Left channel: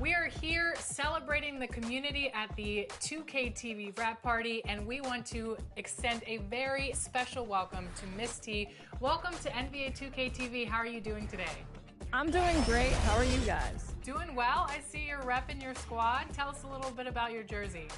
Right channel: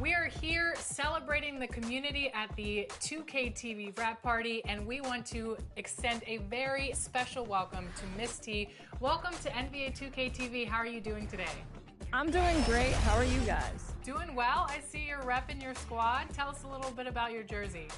We are here celebrating the community at the 2K TV wrap party, and we want to extend a very special welcome to Miss T. Welcome to NBA 2K TV. How are you doing today? I'm doing great. How are you guys? Doing well. I see you're repping your squad. Tell us a little bit about your jersey.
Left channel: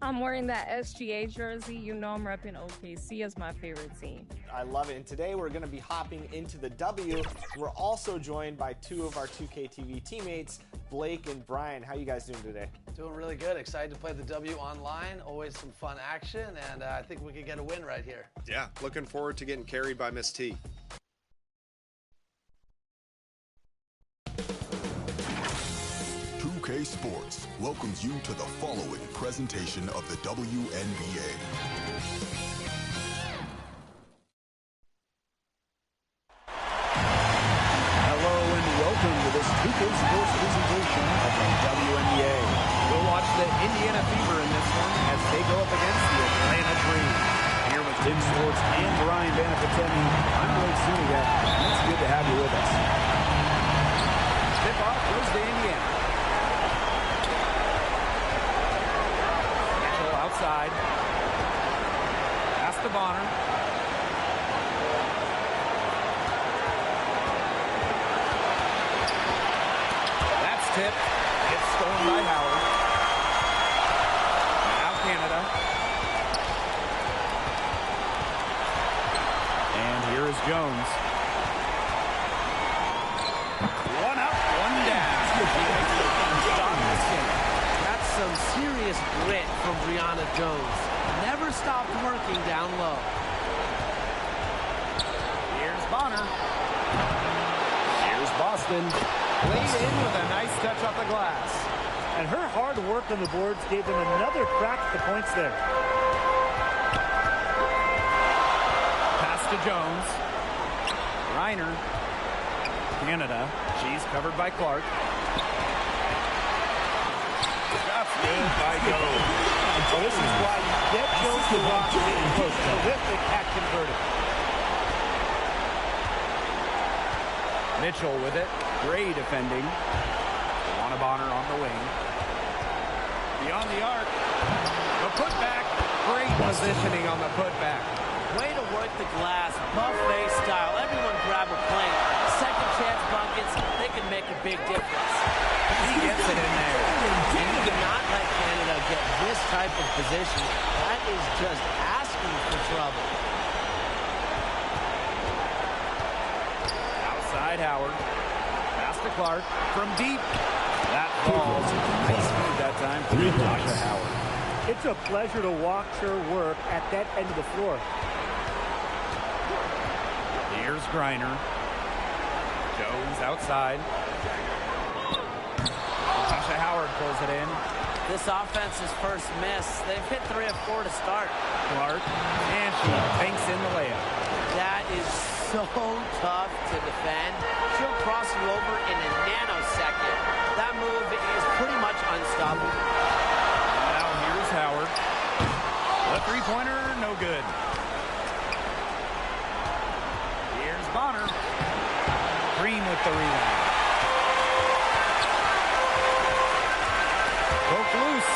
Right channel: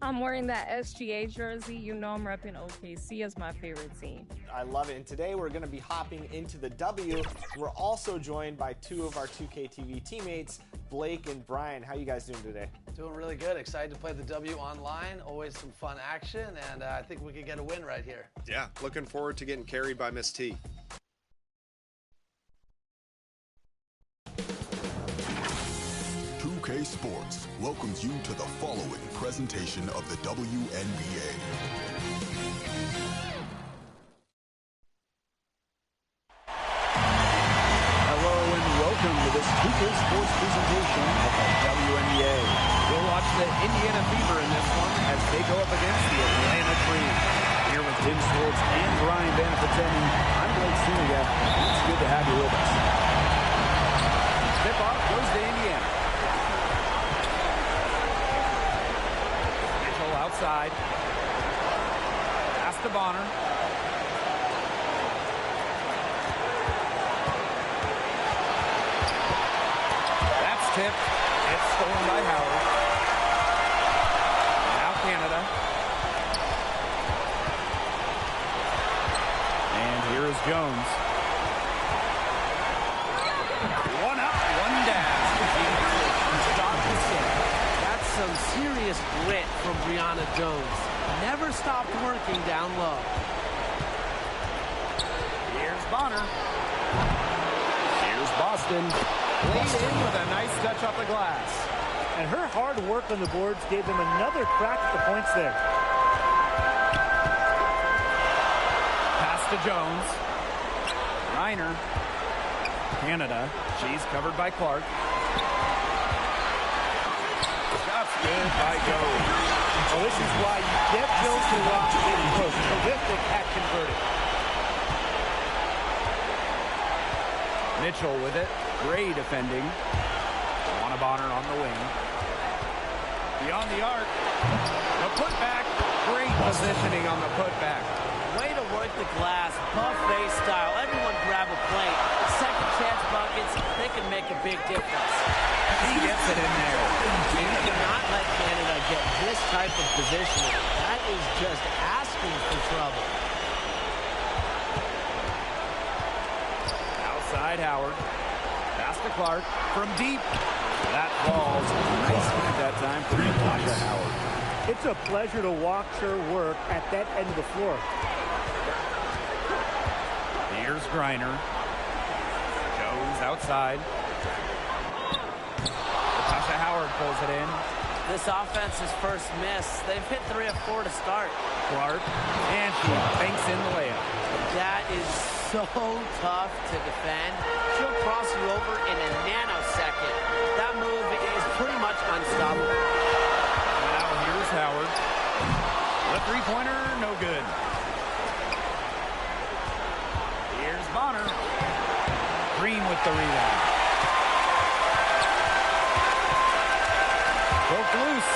I'm wearing that SGA jersey. You know I'm repping OKC as my favorite team. I love it. And today we're going to be hopping into the W. We're also joined by two of our 2K TV teammates, Blake and Brian. How you guys doing today? Doing really good. Excited to play the W online. Always some fun action, and I think we could get a win right here. Yeah, looking forward to getting carried by Miss T. Sports welcomes you to the following presentation of the WNBA. Hello and welcome to this 2K Sports presentation of the WNBA. We'll watch the Indiana Fever in this one as they go up against the Atlanta Dream. Here with Tim Swartz and Brian Banafitemi, I'm Blake Suniga, and it's good to have you with us. Tip-off goes to Indiana. Outside. Pass to Bonner. That's tipped. It's stolen by Howard. Now Canada. And here is Jones. One up, one down. She makes it stop this game. That's some serious grit from Brianna Jones. Never stopped working down low. Here's Bonner. Here's Boston. Laid in with a nice touch off the glass. And her hard work on the boards gave them another crack at the points there. Pass to Jones. Reiner. Canada. She's covered by Clark. That's good by Jones. So this is why you get Jones to rock getting close. Terrific at converted. Mitchell with it. Gray defending. Wnba on the wing. Beyond the arc. The putback. Great positioning on the putback. Way to work the glass, buffet style. Everyone grab a plate. Second chance buckets, they can make a big difference. He gets it in there. And you cannot let Canada get this type of positioning. That is just asking for trouble. Outside Howard. Pass to Clark. From deep. That falls. Nice feed that time for Natasha Howard. It's a pleasure to watch her work at that end of the floor. Here's Griner. Jones outside. Natasha Howard pulls it in. This offense's first miss. They've hit 3 of 4 to start. Clark. And she banks in the layup. That is so tough to defend. She'll cross you over in a nanosecond. That move is pretty much unstoppable. Now here's Howard. The three-pointer, no good. Here's Bonner. Green with the rebound. Broke loose.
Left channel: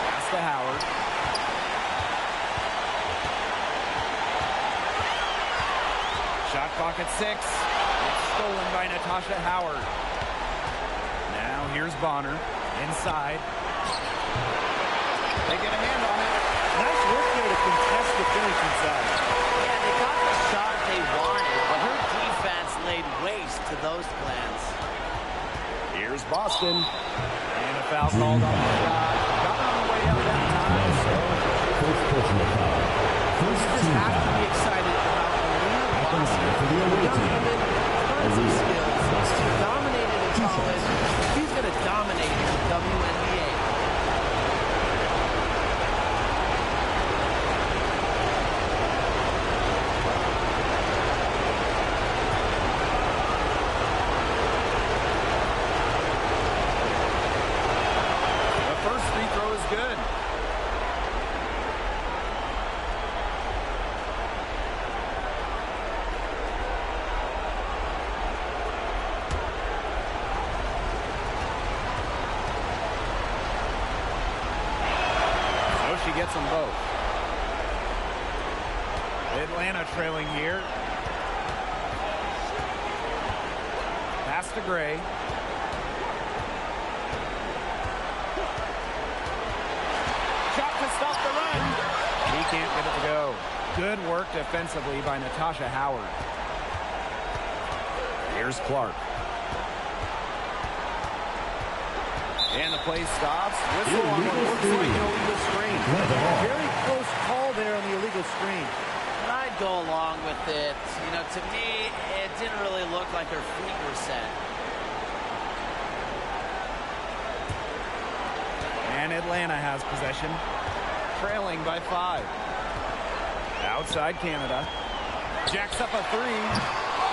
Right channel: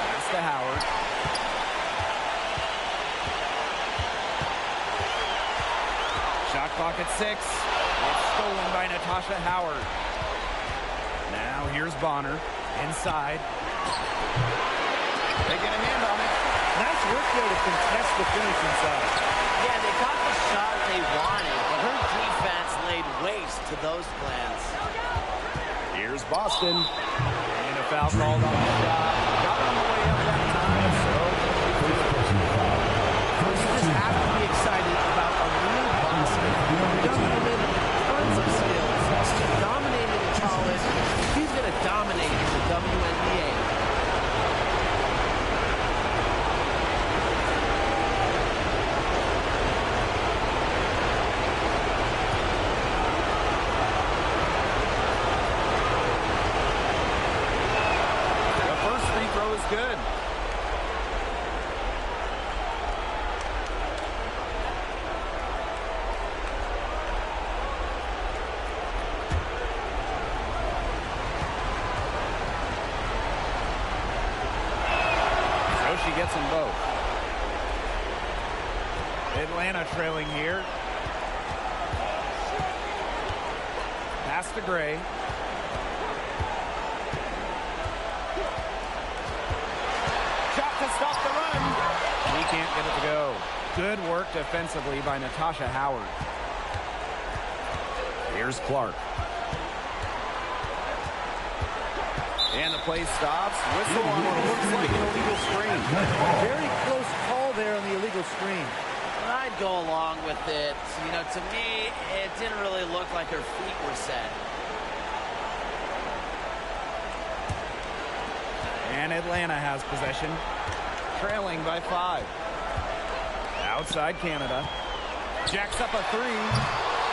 Pass to Howard. Shot clock at 6. It's stolen by Natasha Howard. Now here's Bonner. Inside. They get a hand on it. Nice work there to contest the finish inside. Yeah, they got the shot they wanted, but her defense laid waste to those plans. Here's Boston. And a foul called on the shot. Got her on the way up that time, so you just have to be excited about Aliyah Boston. A young woman with tons of skills. She dominated in college. She's going to dominate in the WNBA. First free throw is good. she gets them both. Atlanta trailing here. Pass to Gray. Shot to stop the run. He can't get it to go. Good work defensively by Natasha Howard. Here's Clark. And the play stops. Whistle on what looks like an illegal screen. Very close call there on the illegal screen. But I'd go along with it. You know, to me, it didn't really look like her feet were set. And Atlanta has possession, trailing by 5. Outside Canada. Jacks up a 3.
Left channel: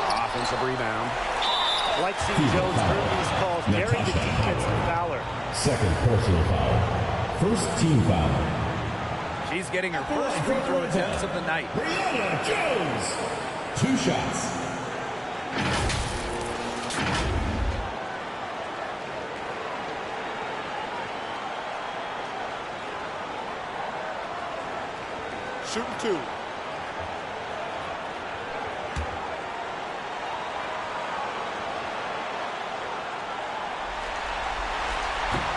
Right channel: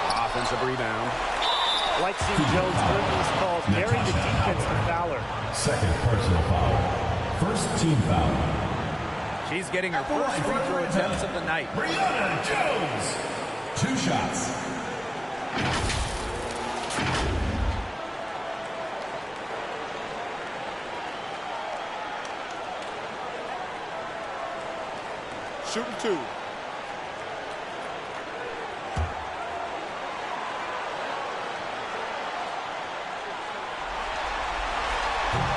Offensive rebound. I like seeing Jones earn these calls, daring the defense to foul her. Second personal foul. First team foul. She's getting her first free throw attempts of the night. Brianna Jones. 2 shots. Shooting 2.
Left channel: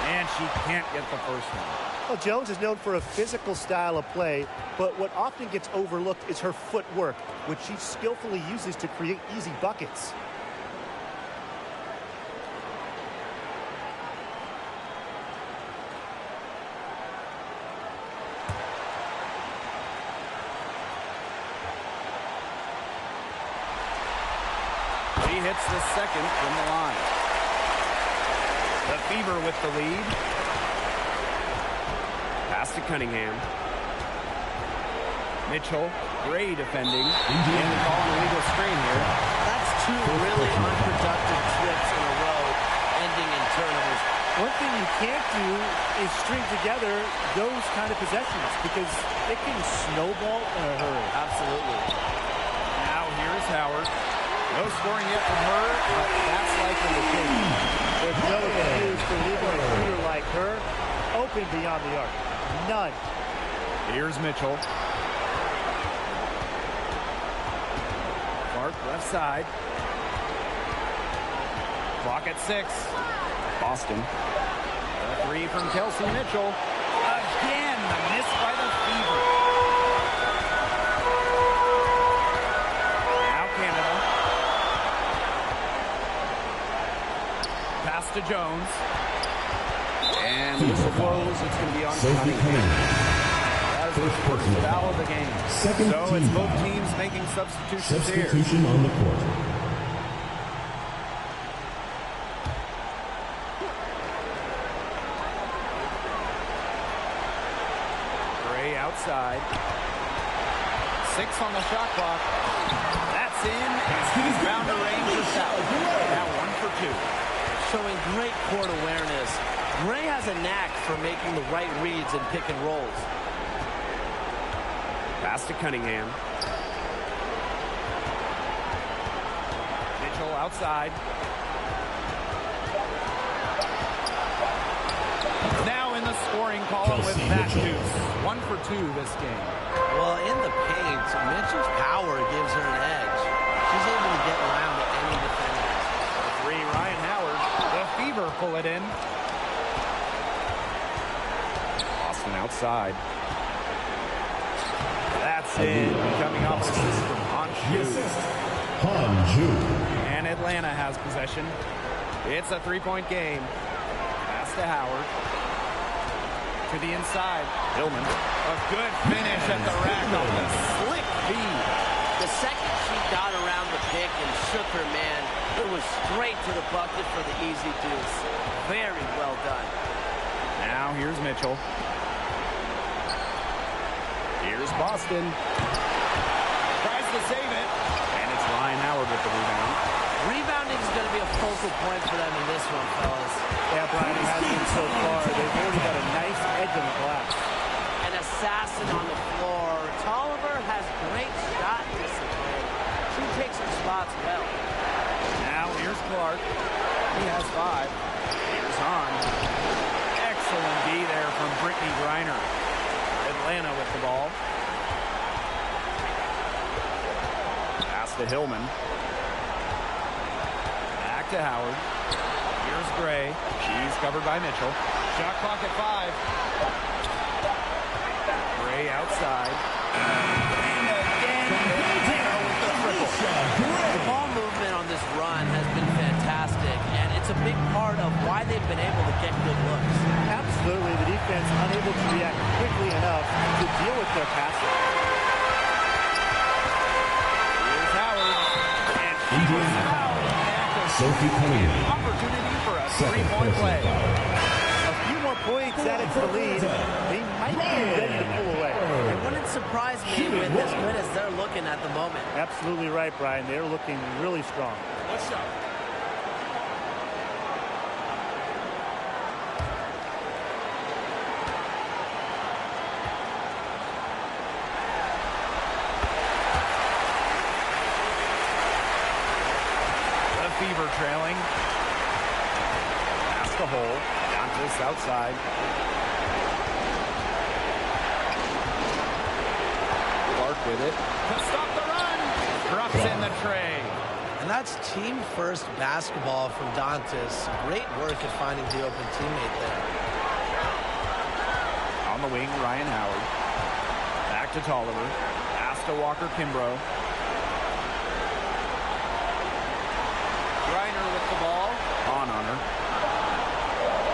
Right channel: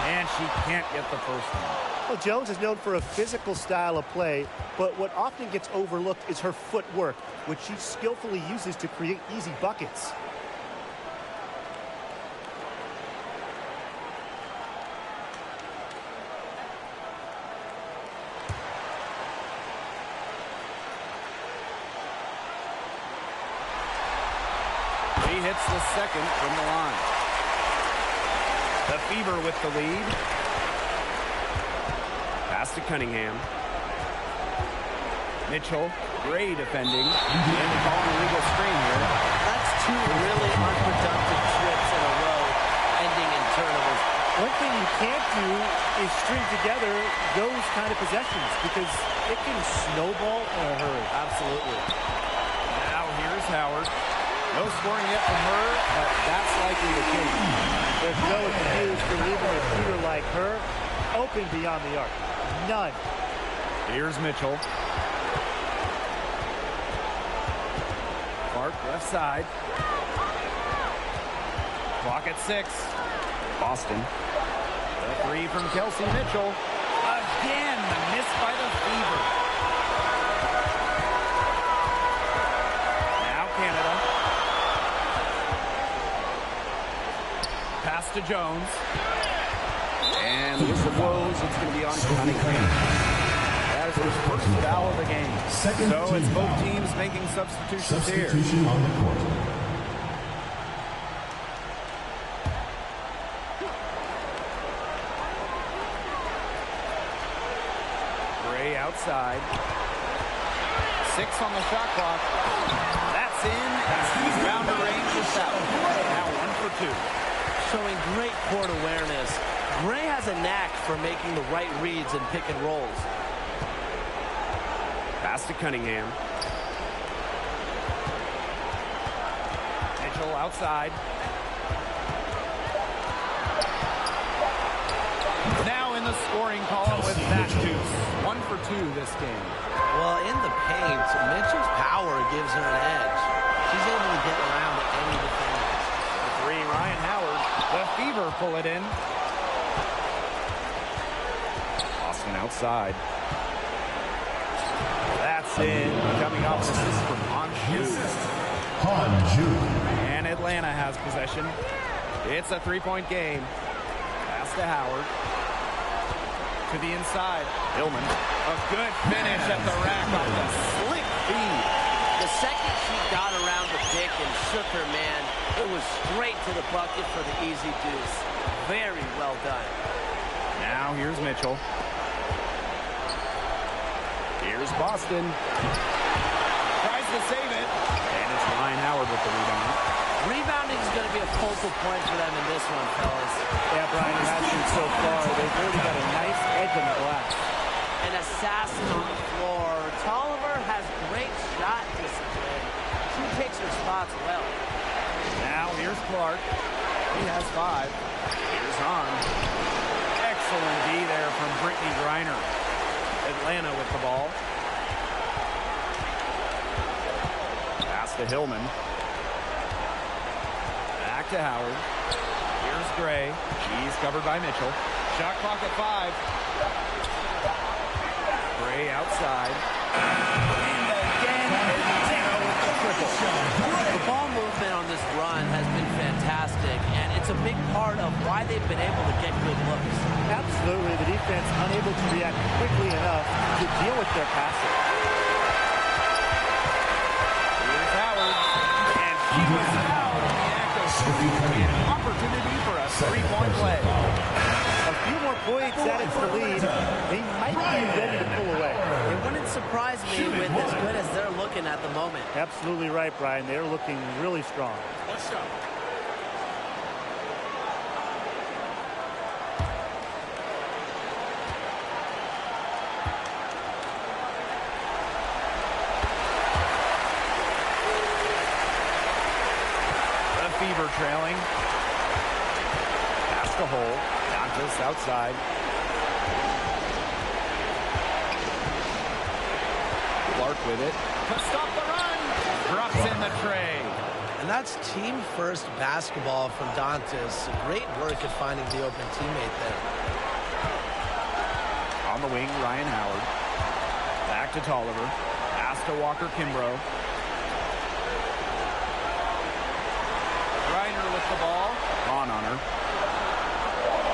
And she can't get the first one. Well, Jones is known for a physical style of play, but what often gets overlooked is her footwork, which she skillfully uses to create easy buckets. She hits the second from the line. The Fever with the lead. Pass to Cunningham. Mitchell, Gray defending. And they call an illegal screen here. That's 2 really unproductive trips in a row, ending in turnovers. One thing you can't do is string together those kind of possessions because it can snowball in a hurry. Absolutely. Now here's Howard. No scoring yet from her, but that's likely to change. There's no excuse for leaving a shooter like her open beyond the arc. None. Here's Mitchell. Clark left side. Clock at 6. Boston. The 3 from Kelsey Mitchell. Again, the miss by the Fever. Now Canada. Pass to Jones. And the whistle blows. It's going to be on Cunningham. That is the first foul of the game. So it's both teams making substitutions here. Substitution on the court. Gray outside. 6 on the shot clock. That's in. And she's bound to range this out. Now 1 for 2. Showing great court awareness. Gray has a knack for making the right reads and pick and rolls. Pass to Cunningham. Mitchell outside. Now in the scoring column with that deuce. 1 for 2 this game. Well, in the paint, Mitchell's power gives her an edge. She's able to get around to any defenders. For 3, Ryan Howard. The Fever pull it in. Boston outside. That's in. Coming off an assist from Han Ju. And Atlanta has possession. It's a 3-point game. Pass to Howard. To the inside. Hillman. A good finish at the rack off the slick feed. The second she got around the pick and shook her man, it was straight to the bucket for the easy deuce. Very well done. Now here's Mitchell. Here's Boston. Tries to save it. And it's Ryan Howard with the rebound. Rebounding is going to be a focal point for them in this one, fellas. Yeah, Brian, it has been so far. They've already got a nice edge on the glass. An assassin on the floor. Tolliver has great shot discipline. She picks her spots well. Now here's Clark. He has 5. Here's Hahn. Excellent D there from Brittany Griner. Atlanta with the ball. Pass to Hillman. Back to Howard. Here's Gray. She's covered by Mitchell. Shot clock at 5. Gray outside. And again, Atlanta with the triple. The ball movement on this run has been fantastic, and it's a big part of why they've been able to get good looks. Absolutely. The defense unable to react quickly enough to deal with their passer. Here's Howard. And she was fouled in the act of shooting an opportunity for a 3-point play. A few more points added to the lead. They might be ready to pull away. It wouldn't surprise me with as good as they're looking at the moment. Absolutely right, Brian. They're looking really strong. What's up? The Fever trailing. Pass to Hole. Dantas outside. Clark with it. To stop the run. Drops in the tray. And that's team-first basketball from Dantas. Great work at finding the open teammate there. On the wing, Ryan Howard. Back to Tolliver. Pass to Walker Kimbrough. Griner with the ball. On her.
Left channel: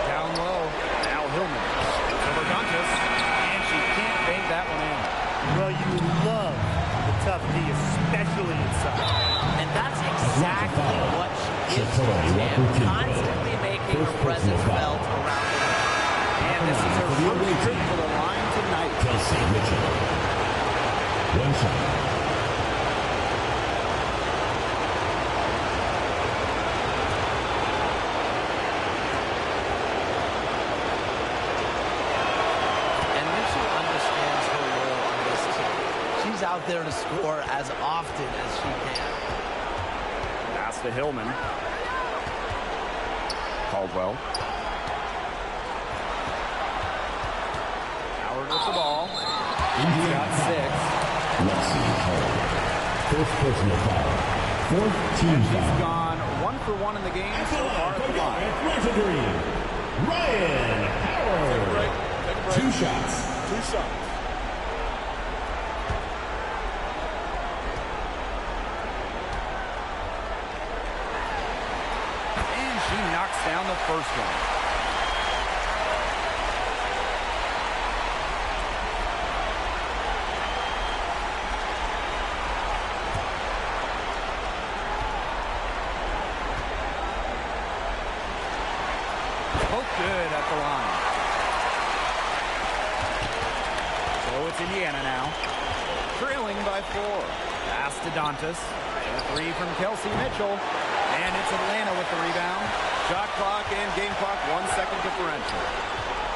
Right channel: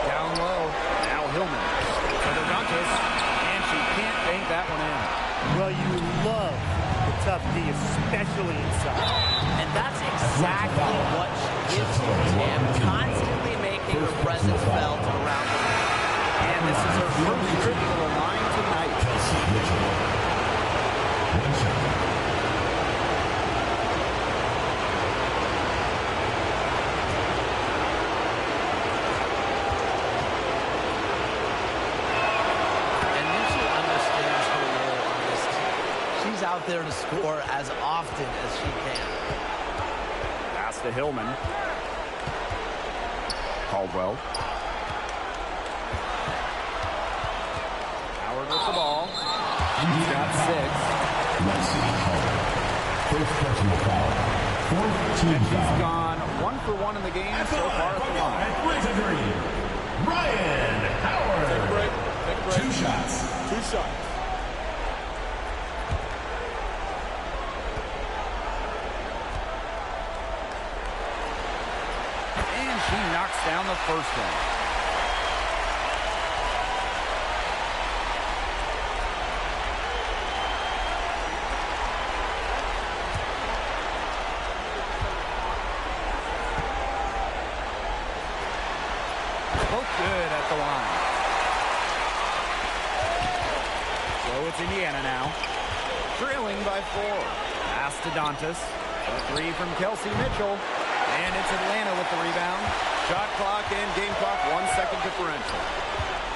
Down low. Now Hillman. It's over Dantas. And she can't bank that one in. Well, you love the tough D, especially inside. And that's exactly what she gives you, Tim. Constantly making her presence felt around the rim. And this is her first trip to the line tonight. Kelsey Mitchell. One shot. She's out there to score as often as she can. Pass to Hillman. Caldwell. Howard with the ball. She's got 6. Lexi Howard. First personal foul. Fourth team and she's foul. gone 1 for 1 in the game so far at the line. Ryan Howard. Take a break. Take a break. 2 shots. 2 shots. She knocks down the first one. Both good at the line. So it's Indiana now. Trailing by 4. Pass to Dantas. A 3 from Kelsey Mitchell. And it's Atlanta with the rebound. Shot clock and game clock 1 second differential.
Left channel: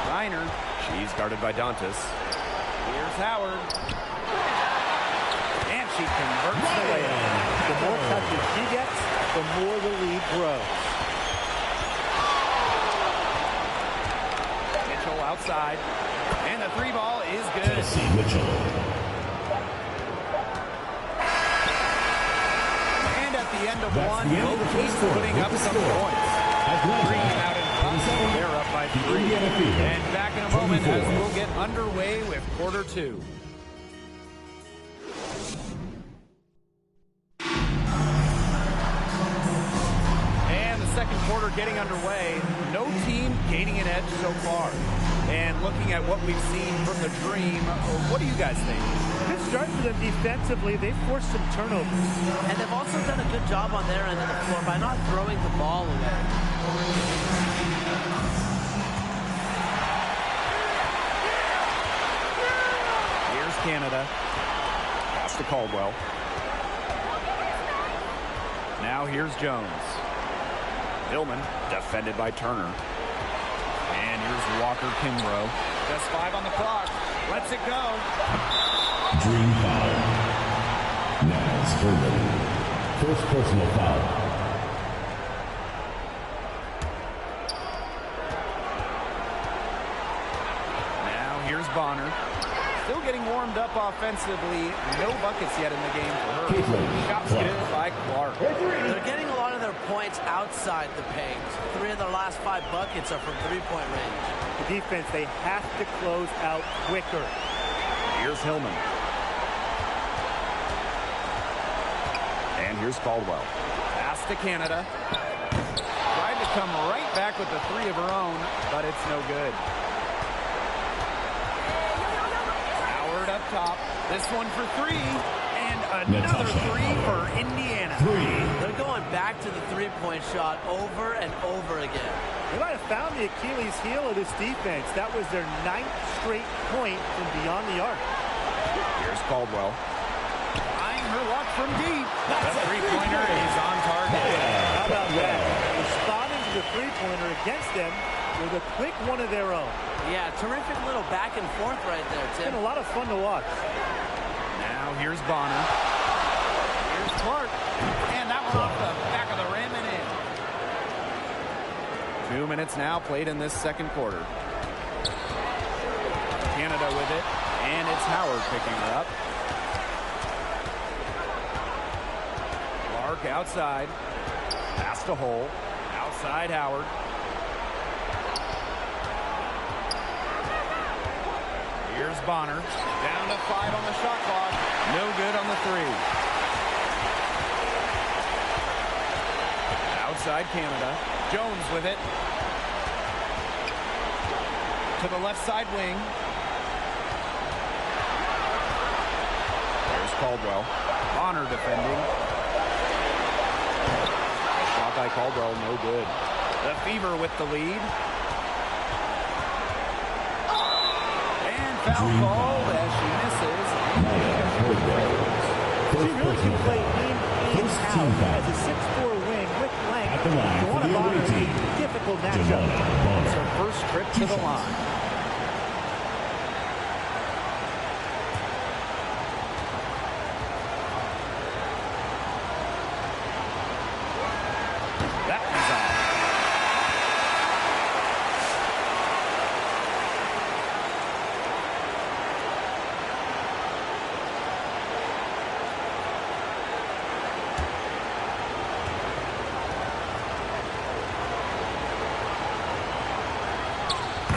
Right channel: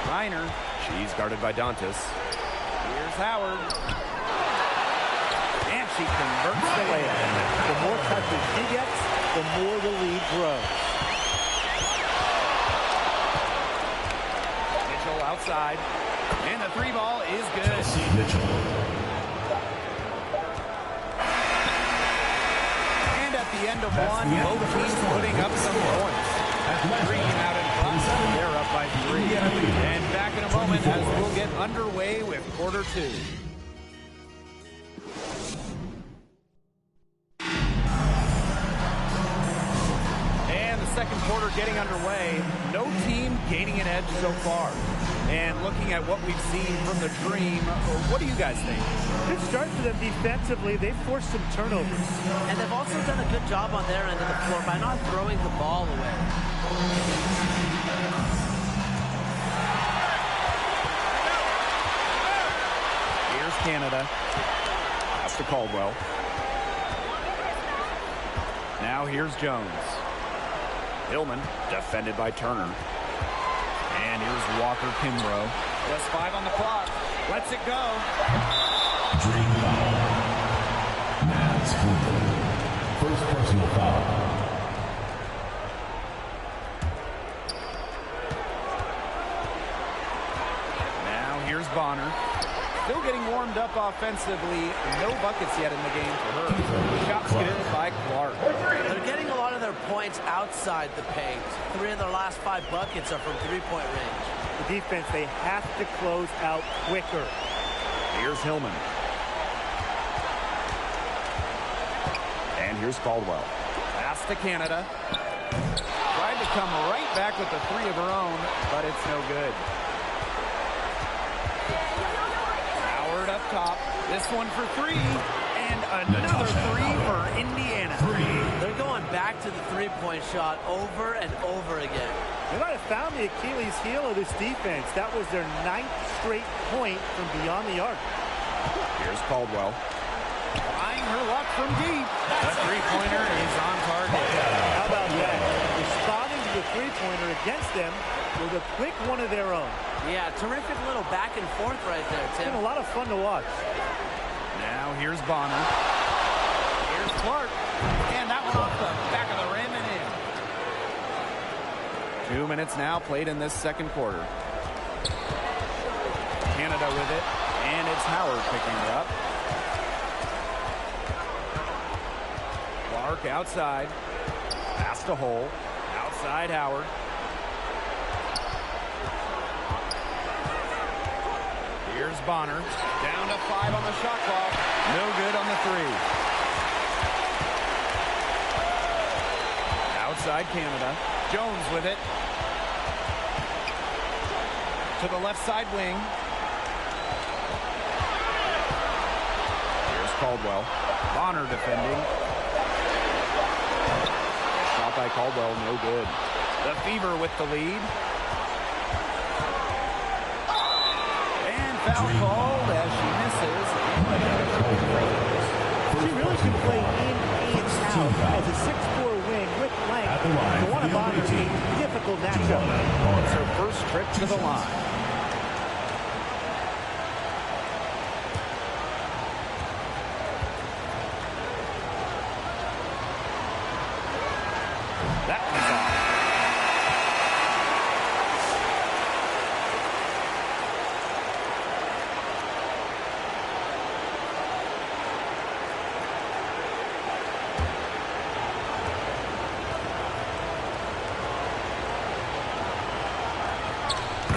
Reiner, she's guarded by Dantas. Here's Howard. And she converts the layup. The more touches she gets, the more the lead grows. Mitchell outside. And the 3 ball is good. Kelsey Mitchell. At the end of 1, both teams putting up some points. Green out in front. They're up by 3. And back in a moment as we'll get underway with quarter 2. And the second quarter getting underway. No team gaining an edge so far. And looking at what we've seen from the Dream, what do you guys think? Good start for them defensively. They've forced some turnovers. And they've also done a good job on their end of the floor by not throwing the ball away. Here's Canada. Pass to Caldwell. Now here's Jones. Hillman, defended by Turner. And here's Walker Kimbrough. Just 5 on the clock. Lets it go. Dream foul. Now it's Hillman. First personal foul. Now here's Bonner. Still getting warmed up offensively. No buckets yet in the game for her. Shots good by Clark. They're getting a lot of their points outside the paint. 3 of their last 5 buckets are from three-point range. The defense, they have to close out quicker. Here's Hillman. And here's Caldwell. Pass to Canada. Tried to come right back with the 3 of her own, but it's no good. Howard up top. This one for 3. And another 3 for Indiana. They're going back to the three-point shot over and over again. They might have found the Achilles heel of this defense. That was their 9th straight point from beyond the arc. Here's Caldwell. Trying her luck from deep. The three-pointer is on target. How about that? Responding to the three-pointer against them with a quick one of their own. Yeah, terrific little back and forth right there, Tim. It's been a lot of fun to watch. Now here's Bonner. Here's Clark. And that one off the back of the rim and in. 2 minutes now played in this second quarter. Canada with it. And it's Howard picking her up. Clark outside. Pass to Hole. Outside Howard. Here's Bonner. Down to 5 on the shot clock. No good on the 3. Outside Canada. Jones with it. To the left side wing. Here's Caldwell. Bonner defending. Shot by Caldwell, no good. The Fever with the lead. And foul called as she misses. She really can play in and out as a 6'4" wing with length. Wnba Bonner, a difficult matchup. It's her first trip to the line. That one's off.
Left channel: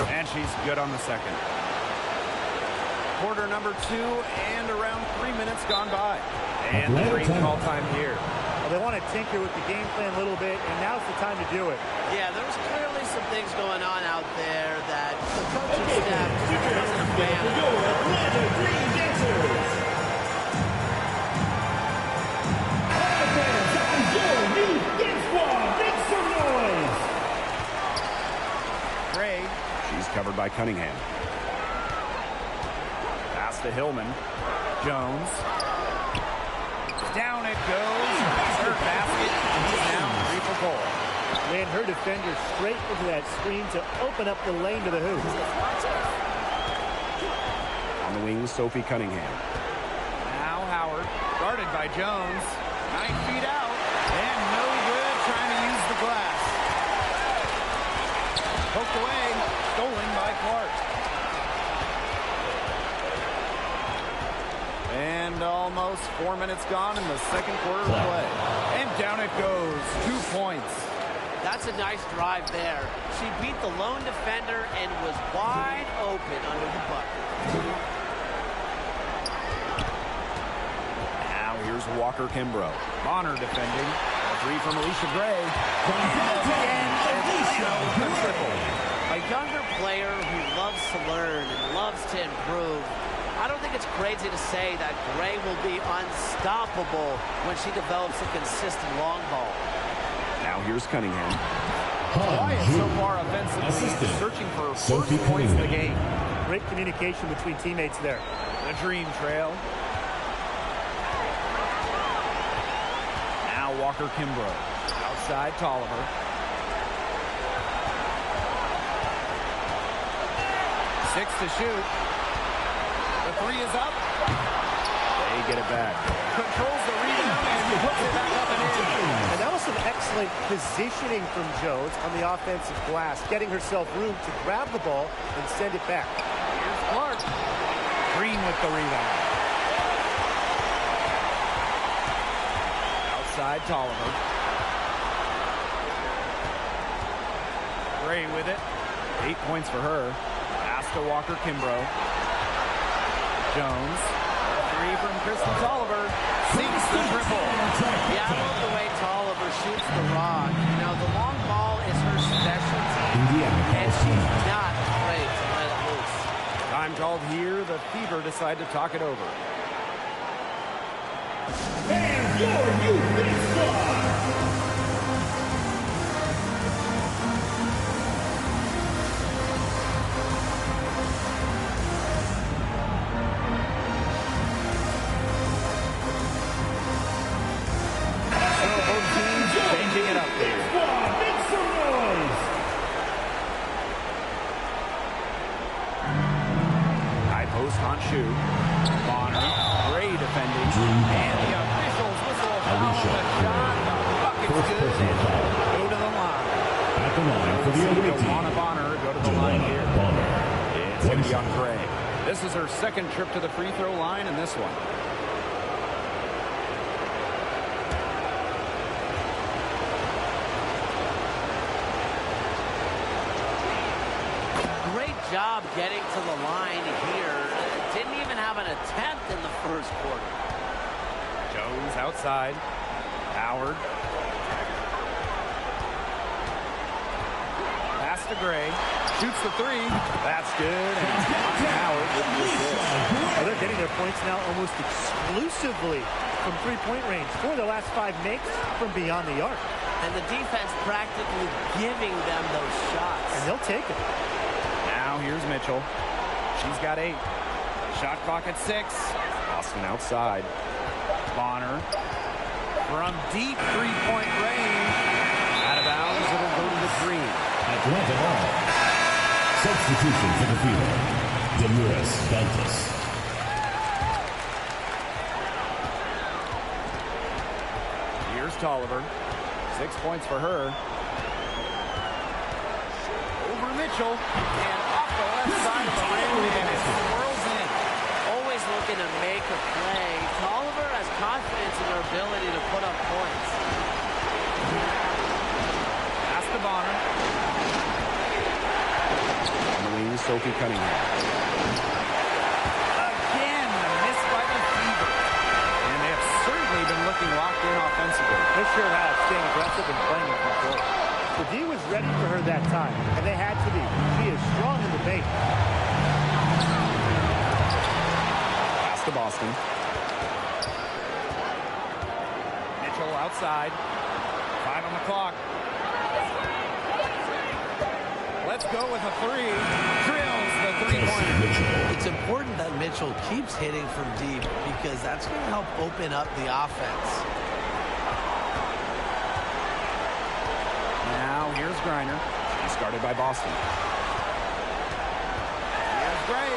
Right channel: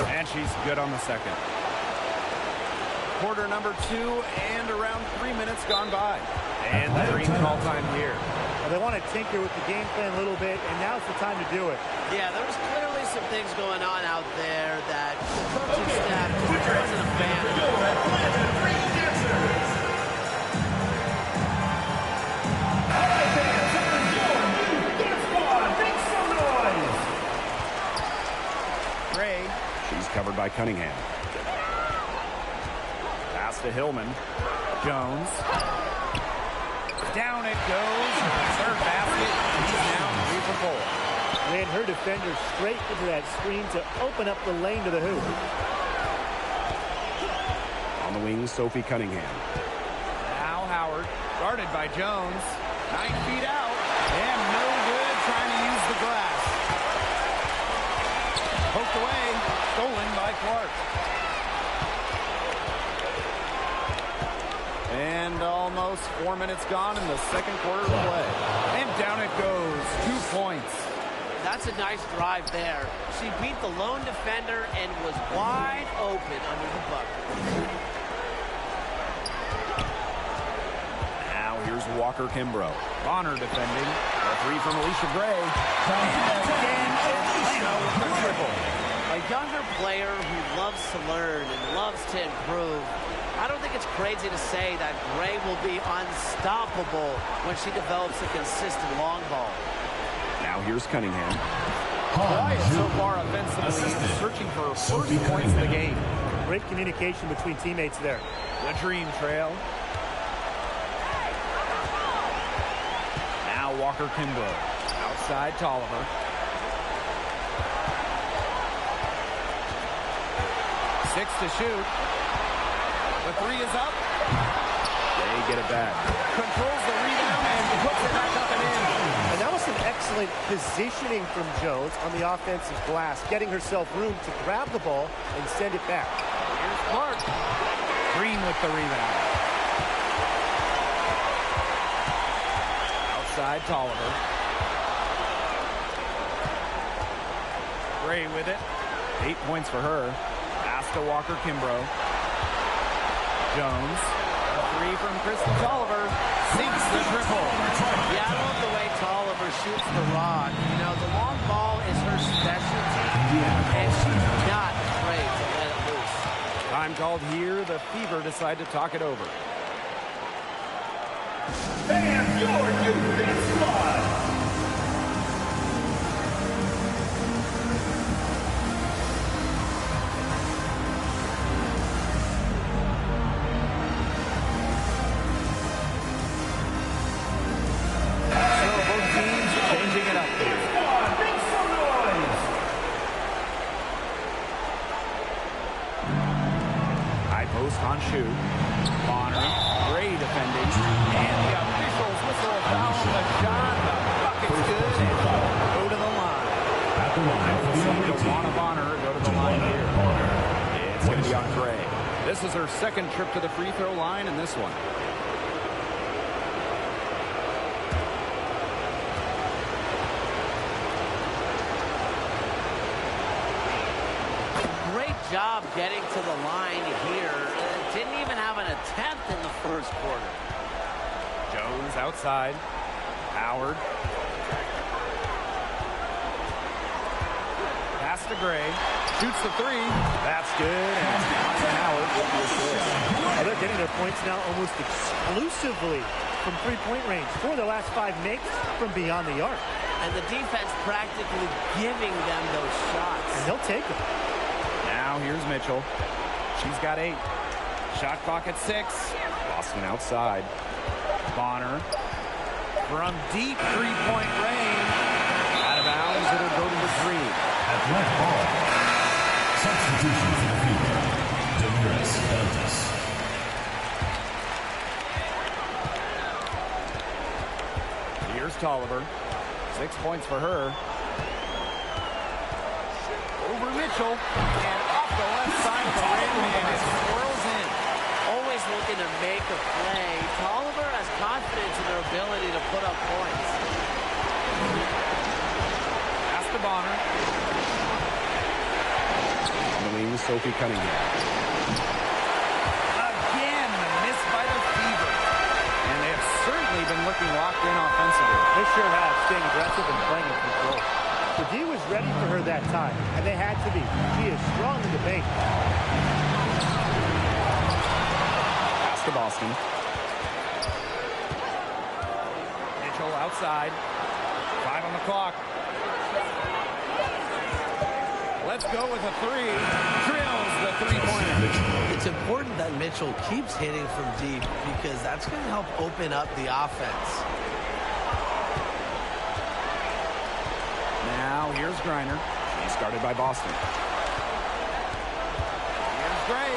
And she's good on the second. Quarter number 2 and around 3 minutes gone by. And the Dream call time here. Well, they want to tinker with the game plan a little bit, and now's the time to do it. Yeah, there was clearly some things going on out there that the coaching staff just wasn't a fan of. Atlanta Dream Dancers. All right, fans, that was your new dance squad. Make some noise. Gray, she's covered by Cunningham. Pass to Hillman. Jones. Down it goes. Third basket. He's now 3 for 4. Ran her defender straight into that screen to open up the lane to the hoop. On the wing, Sophie Cunningham. Now Howard, guarded by Jones. 9 feet out. And no good trying to use the glass. Poked away. Stolen by Clark. And almost 4 minutes gone in the second quarter of play. And down it goes. 2 points. That's a nice drive there. She beat the lone defender and was wide open under the bucket. Now here's Walker Kimbrough. Bonner defending. A 3 from Alicia Gray. And again, Atlanta with a triple. A younger player who loves to learn and loves to improve. I don't think it's crazy to say that Gray will be unstoppable when she develops a consistent long ball. Now here's Cunningham. Quiet so far offensively, searching for first points in the game. Great communication between teammates there. The Dream trail. Now Walker Kimbrough. Outside Tolliver. 6 to shoot. The 3 is up. They get it back. Controls the rebound and puts it back up and in. And that was some excellent positioning from Jones on the offensive glass, getting herself room to grab the ball and send it back. Here's Clark. Green with the rebound. Outside, Tolliver. Gray with it. 8 points for her. Pass to Walker-Kimbrough. Jones. A three from Kristen Tolliver. Sinks the triple. Yeah, I love the way Tolliver shoots the rock. You know, the long ball is her specialty, and she's not afraid to let it loose. Time called here. The Fever decide to talk it over. And your youth big squad. Changing it up here. Make some noise. High post on Shu. Bonner. Gray defending. And the officials whistle a foul on the shot. The bucket's good. And go to the line. At the line for the Wnba Bonner go to the line here. It's going to be on Gray. This is her second trip to the free throw line in this one. Great job getting to the line here. Didn't even have an attempt in the first quarter. Jones outside. Howard. Pass to Gray. Shoots the three. That's good. And it's Ryan Howard with the assist. Well, they're getting their points now almost exclusively from three-point range. 4 of their last 5 makes from beyond the arc. And the defense practically giving them those shots. And they'll take it. Now here's Mitchell. She's got 8. Shot clock at 6. Boston outside. Bonner from deep three-point range. Out of bounds, it'll go to the green. Atlanta ball. Substitution for the Fever. Damiris Dantas. Here's Tolliver. 6 points for her. Over Mitchell. And off the left side of the rim. And it swirls in. Always looking to make a play. Tolliver has confidence in her ability to put up points. Pass to Bonner. On the wing, Sophie Cunningham. Again, the miss by the Fever. And they have certainly been looking locked in offensively. They sure have, staying aggressive and playing in control. The D was ready for her that time, and they had to be. She is strong in the paint. Pass to Boston. Mitchell outside. 5 on the clock. Let's go with a 3. Drills the three-pointer. It's important that Mitchell keeps hitting from deep because that's going to help open up the offense. Now here's Griner. She's guarded by Boston. Here's Gray.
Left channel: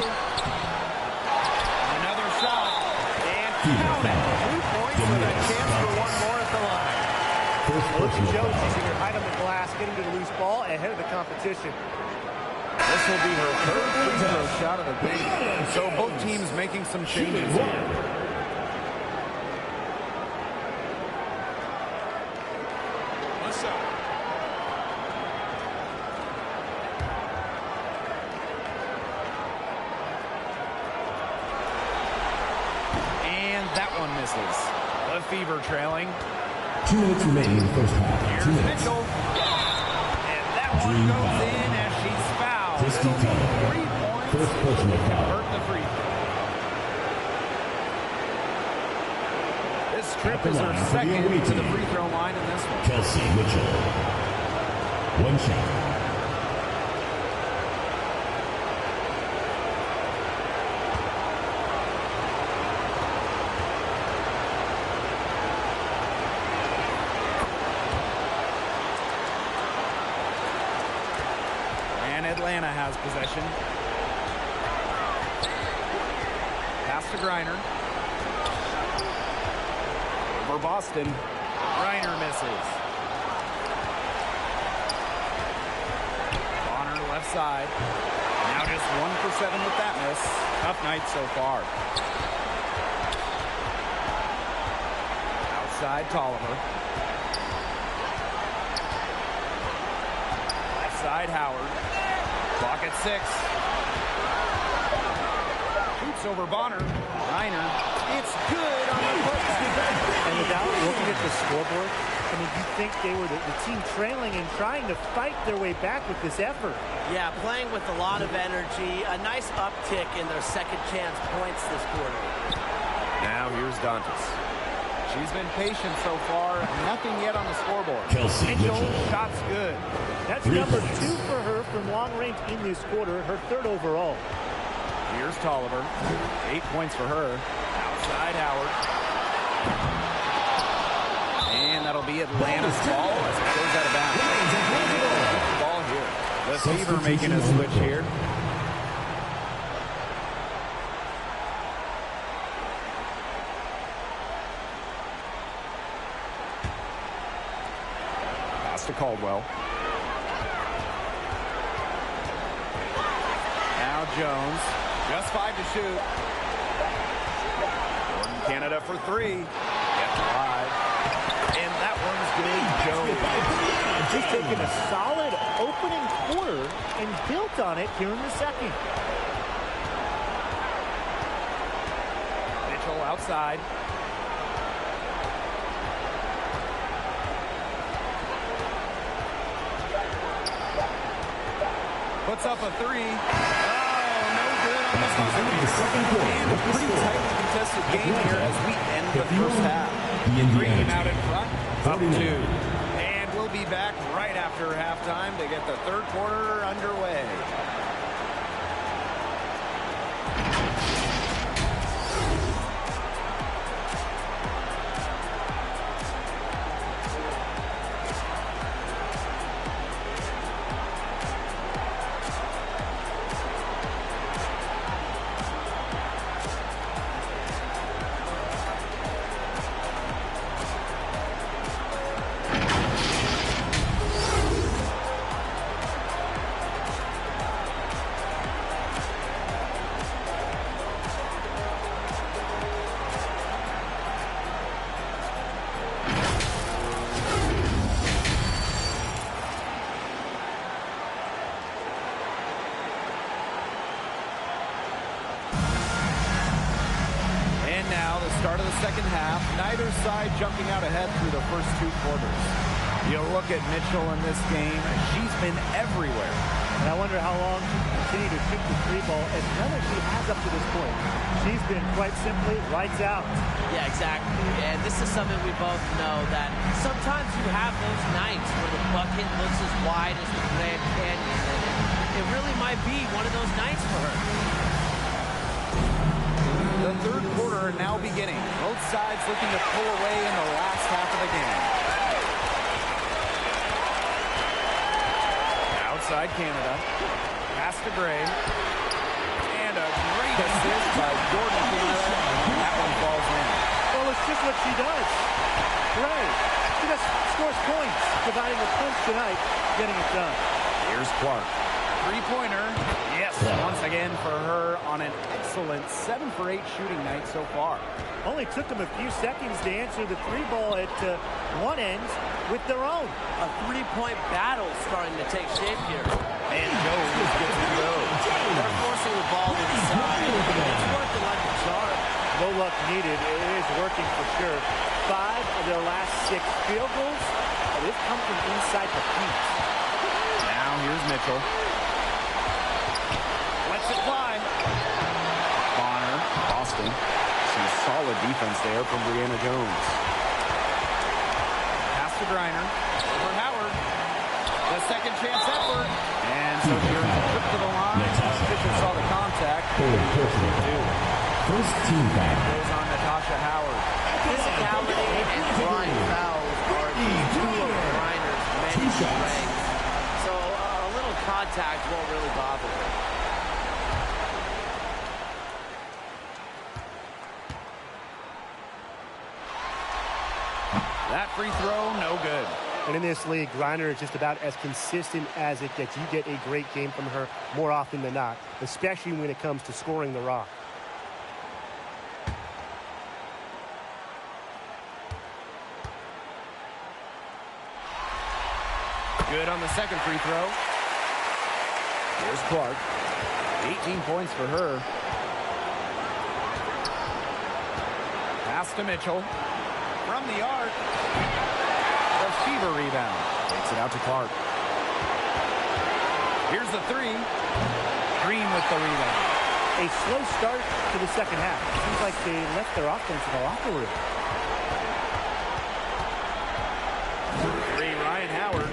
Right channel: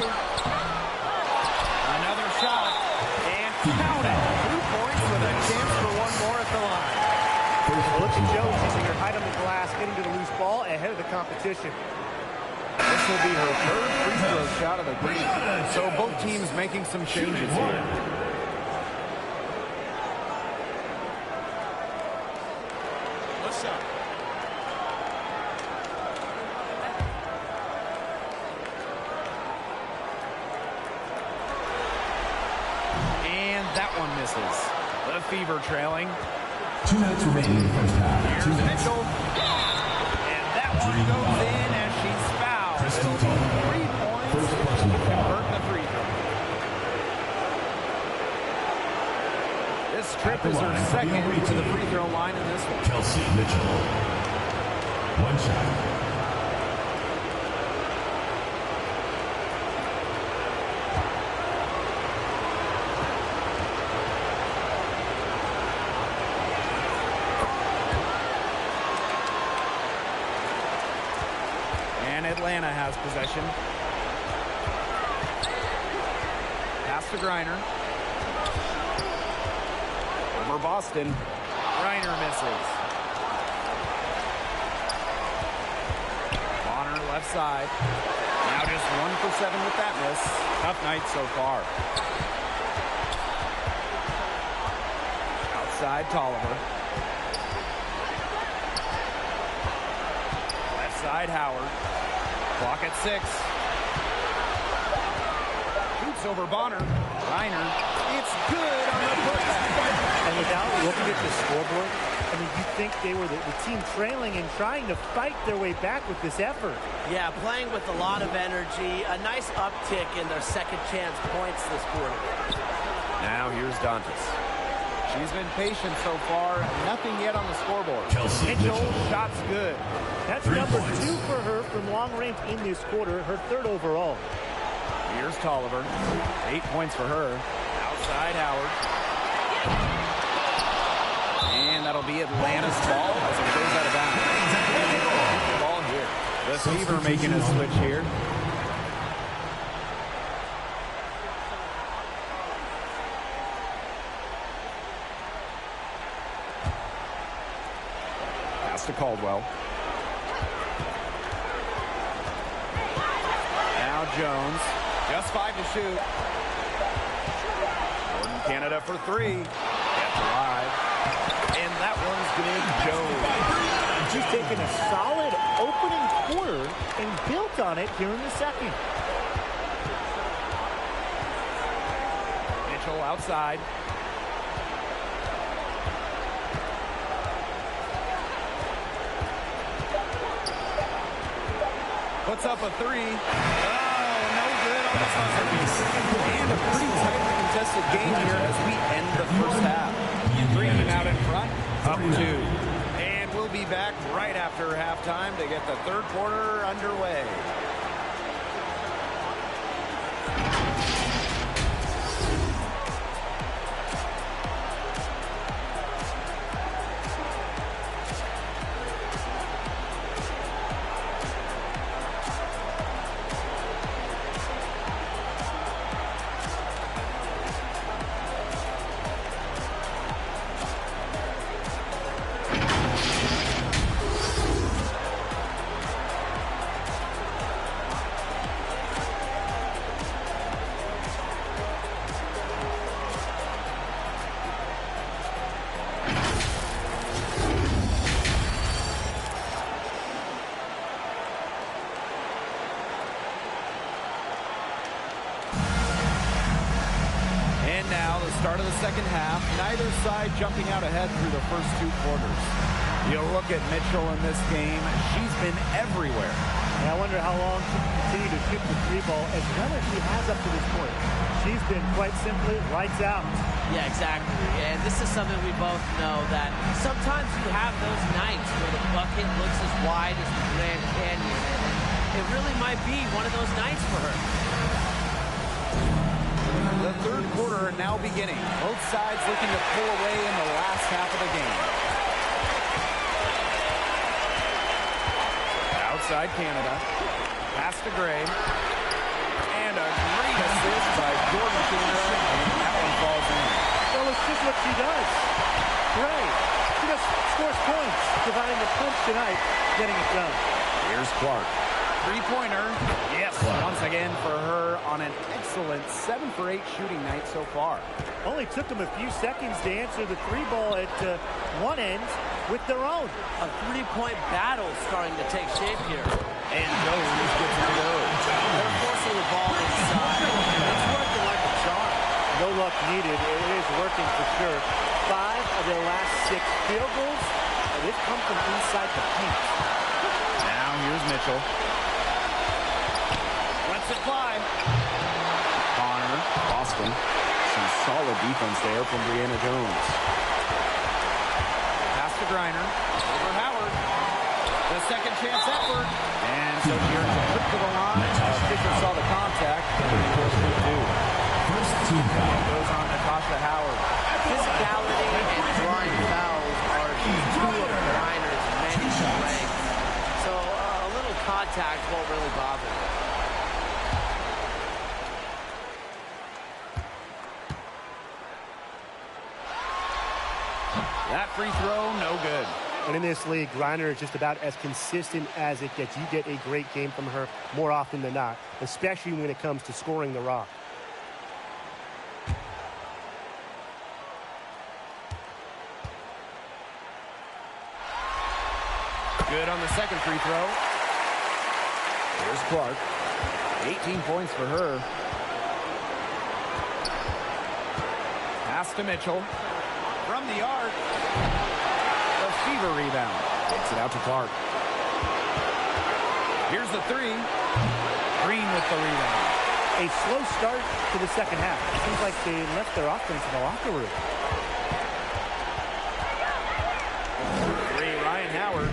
Another shot. And count it. 2 points with a chance for one more at the line. Look at Jones using her height on the glass, getting to the loose ball ahead of the competition. This will be her third free throw shot of the game. So both teams making some changes here. What's up? And that one misses. The Fever trailing. 2 minutes remaining in the first half. Here's Mitchell. And that one goes in as she's fouled. It'll be 3 points. First personal foul. Convert the free throw. This trip is her second to the free throw line in this one. Kelsey Mitchell. 1 shot. And Atlanta has possession. Pass to Griner. Over Boston. Griner misses. Bonner left side. Now just 1 for 7 with that miss. Tough night so far. Outside Tolliver. Left side Howard. Clock at 6. Shoots over Bonner. Reiner. It's good on the putback. And without looking at the scoreboard, I mean, you'd think they were the team trailing and trying to fight their way back with this effort. Yeah, playing with a lot of energy. A nice uptick in their second chance points this quarter. Now here's Dantas. She's been patient so far. Nothing yet on the scoreboard. Mitchell, shot's good. That's number 2 for her from long range in this quarter, her 3rd overall. Here's Tolliver. 8 points for her. Outside Howard. And that'll be Atlanta's ball as it goes out of bounds. Being able to keep the ball here. The Fever making a switch here. Pass to Caldwell. Now Jones. Just 5 to shoot. Jordan Canada for 3. Kept alive. And that one's good. Jones. She's taken a solid opening quarter and built on it here in the second. Mitchell outside. Puts up a 3. Oh, no good on the buzzer beater. And a pretty tightly contested game here as we end the first half. Green out in front, up 2. And we'll be back right after halftime to get the third quarter underway. And now the start of the second half. Neither side jumping out ahead through the first 2 quarters. You look at Mitchell in this game. She's been everywhere. And I wonder how long she can continue to shoot the 3 ball as well as she has up to this point. She's been quite simply lights out. Yeah, exactly. And this is something we both know, that sometimes you have those nights where the bucket looks as wide as the Grand Canyon. And it really might be one of those nights for her. The third quarter now beginning. Both sides looking to pull away in the last half of the game. Outside Canada. Pass to Gray. And a great assist by Jordan Canada. And that one falls in. Well, it's just what she does. Gray. She just scores points, providing a punch tonight, getting it done. Here's Clark. 3-pointer. Yes, once again for her on an excellent 7 for 8 shooting night so far. Only took them a few seconds to answer the 3 ball at one end with their own. A 3-point battle starting to take shape here. And Jones gets it to go. They're forcing the ball inside. It's working like a charm. No luck needed. It is working for sure. 5 of their last 6 field goals, they've come from inside the paint. Now here's Mitchell. Lets it fly. Bonner, Boston. Some solid defense there from Brianna Jones. Pass to Griner. Over Howard. The second chance effort. And so she earns a trip to the line. Fisher saw the contact. First team foul. And goes on Natasha Howard. Physicality and drawing fouls are just 2 of Griner's many strengths. So a little contact won't really bother her. That free throw, no good. And in this league, Griner is just about as consistent as it gets. You get a great game from her more often than not, especially when it comes to scoring the rock. Good on the second free throw. Here's Clark. 18 points for her. Pass to Mitchell. From the arc. The Fever rebound. Takes it out to Clark. Here's the three. Green with the rebound. A slow start to the second half. It seems like they left their offense in the locker room. Three, Ryan Howard.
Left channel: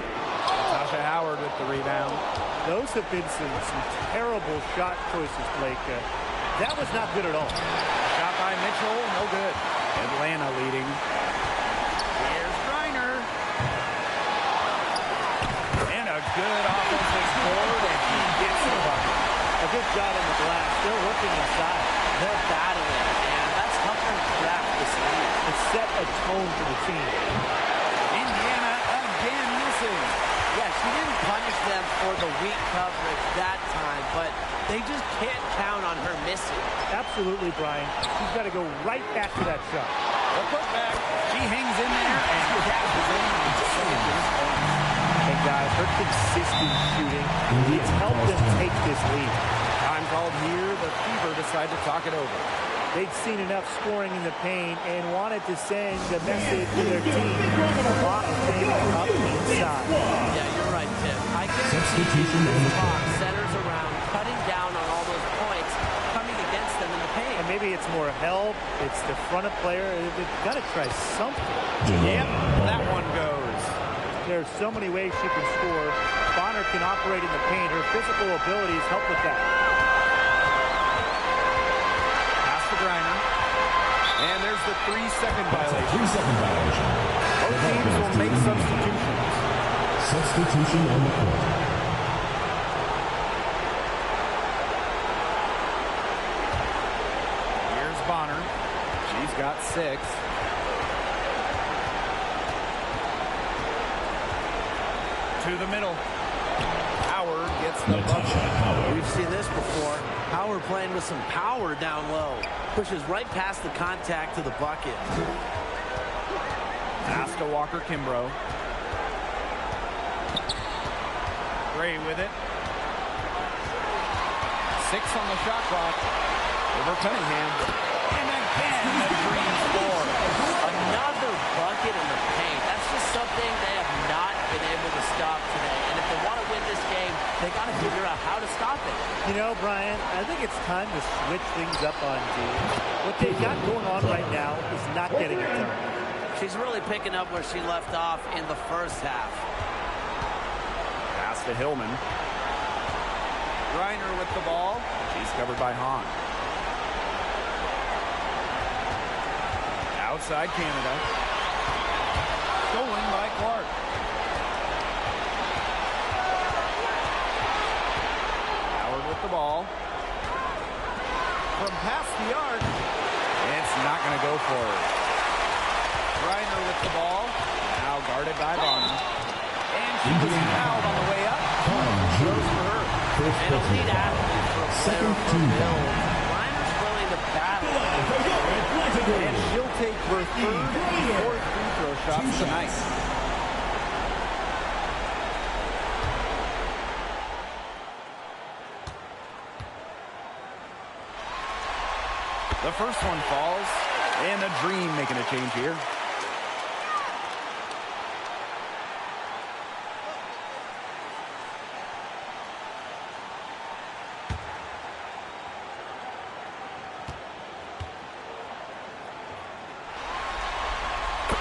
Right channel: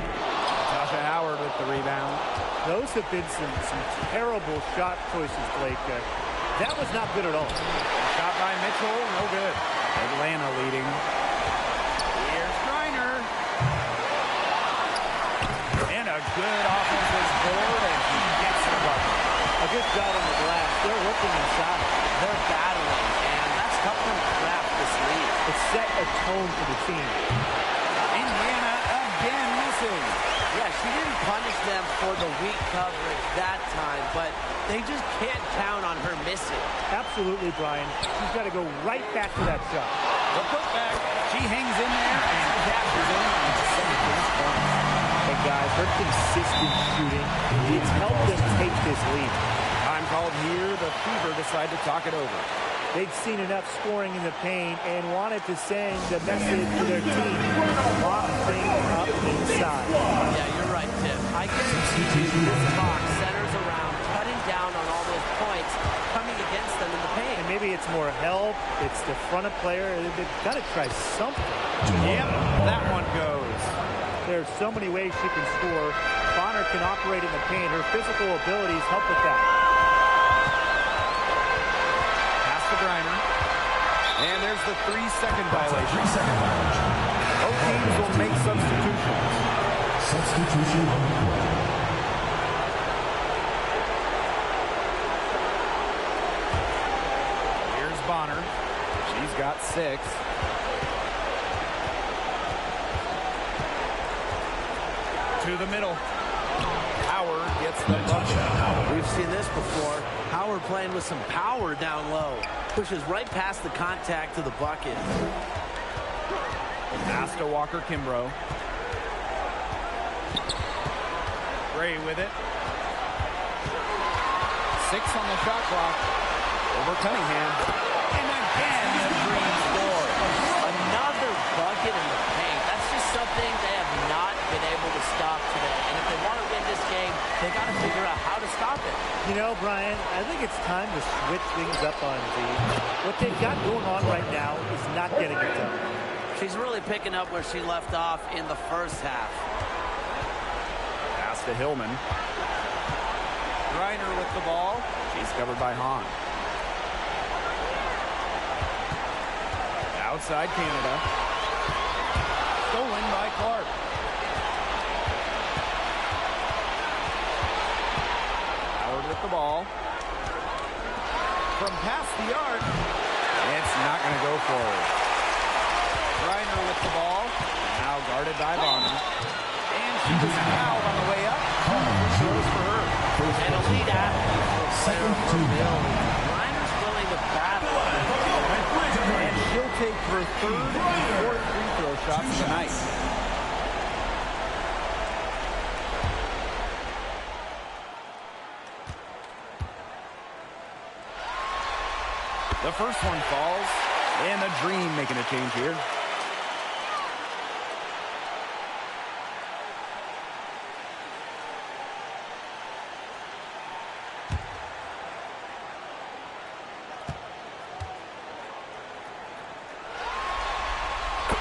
Natasha Howard with the rebound. Those have been some terrible shot choices, Blake. That was not good at all. Shot by Mitchell, no good. Atlanta leading. Here's Griner. And a good offensive board, and she gets the bucket. A good job on the glass. They're working inside. They're battling, and that's helped them craft this lead. It set a tone for the team. Indiana again missing. Yeah, she didn't punish them for the weak coverage that time, but they just can't count on her missing. Absolutely, Brian. She's got to go right back to that shot. The putback. She hangs in there and cashes in on second chance points. And guys, her consistent shooting, it's helped them take this lead. Time called here. The Fever decide to talk it over. They'd seen enough scoring in the paint and wanted to send a message to their team. Lock things up inside. Yeah, you're right, Tim. I guarantee you this box centers around cutting down on all those points coming against them in the paint. And maybe it's more help. It's the front of player. They've got to try something. Yep, that one goes. There's so many ways she can score. Bonner can operate in the paint. Her physical abilities help with that. To Griner. And there's the 3-second violation. Both teams will make substitutions. Substitution on the court. Here's Bonner. She's got 6. To the middle. Howard gets the bucket. We've seen this before. Howard playing with some power down low. Pushes right past the contact to the bucket. Pass to Walker Kimbrough. Gray with it. 6 on the shot clock. Over Cunningham. And again, the Green score. Another bucket in the paint. That's just something they have not been able to stop today. And if they want to win this game, they got to figure out how to stop it. You know, Brian, I think it's time to switch things up on D. What they've got going on right now is not getting it done. She's really picking up where she left off in the first half. Pass to Hillman. Griner with the ball. She's covered by Hahn. Outside Canada. Stolen by Clark. Howard with the ball. From past the arc. It's not going to go forward. Griner with the ball. Now guarded by Bonner. And she was fouled on the way up. 2 free throws for her. An elite athlete for a player of her build. Griner's willing to battle. And she'll take her 3rd and 4th free throw shots of the night. The first one falls, and the Dream making a change here.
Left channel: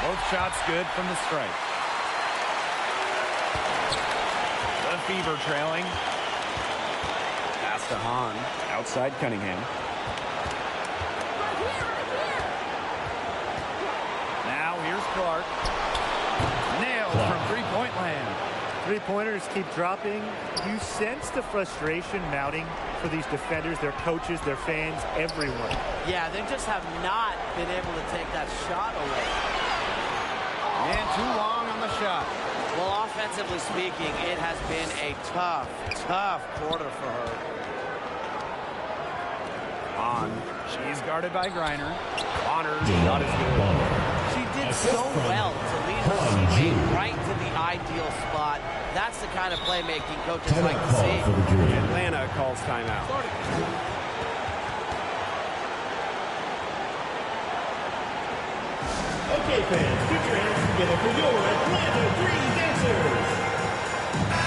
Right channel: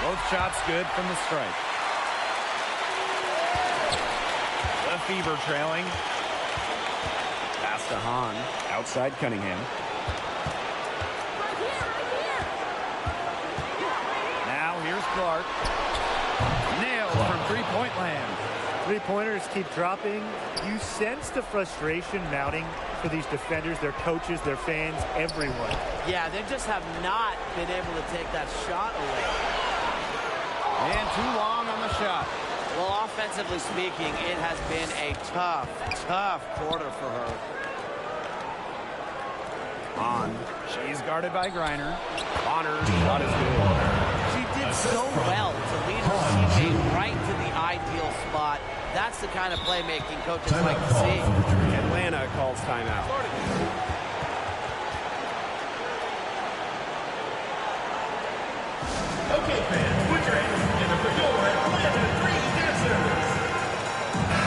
Both shots good from the stripe. The Fever trailing. Pass to Hahn. Outside Cunningham. Right here. Now here's Clark. Nailed from three-point land. Three-pointers keep dropping. You sense the frustration mounting for these defenders, their coaches, their fans, everyone. Yeah, they just have not been able to take that shot away. And too long on the shot. Well, offensively speaking, it has been a tough quarter for her. She's guarded by Griner. Bonner's shot is good. She did so well to lead her teammate right to the ideal spot. That's the kind of playmaking coaches like to see. Atlanta calls timeout. Okay, fans, put your hands together for your Atlanta Dream Dancers.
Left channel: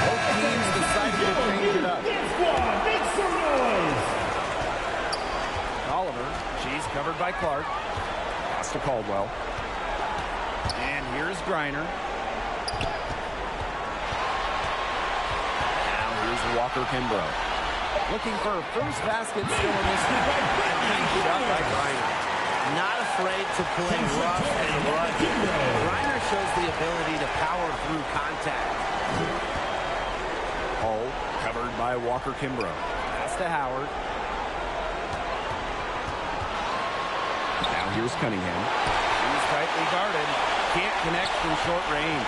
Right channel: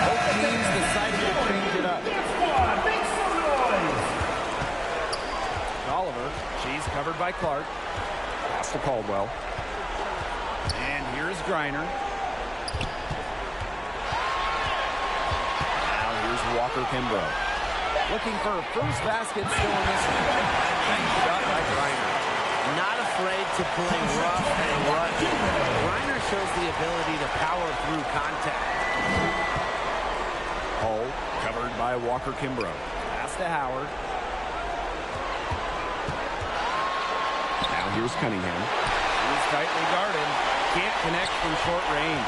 Both teams decided to change it up. Dance squad, make some noise. Oliver, she's covered by Clark. Pass to Caldwell. And here's Griner. Now here's Walker Kimbrough. Looking for her first basket still in this one. Nice shot by Griner. Not afraid to play rough and rugged. Griner shows the ability to power through contact. Hull covered by Walker Kimbrough. Pass to Howard. Now here's Cunningham. She's tightly guarded. Can't connect from short range.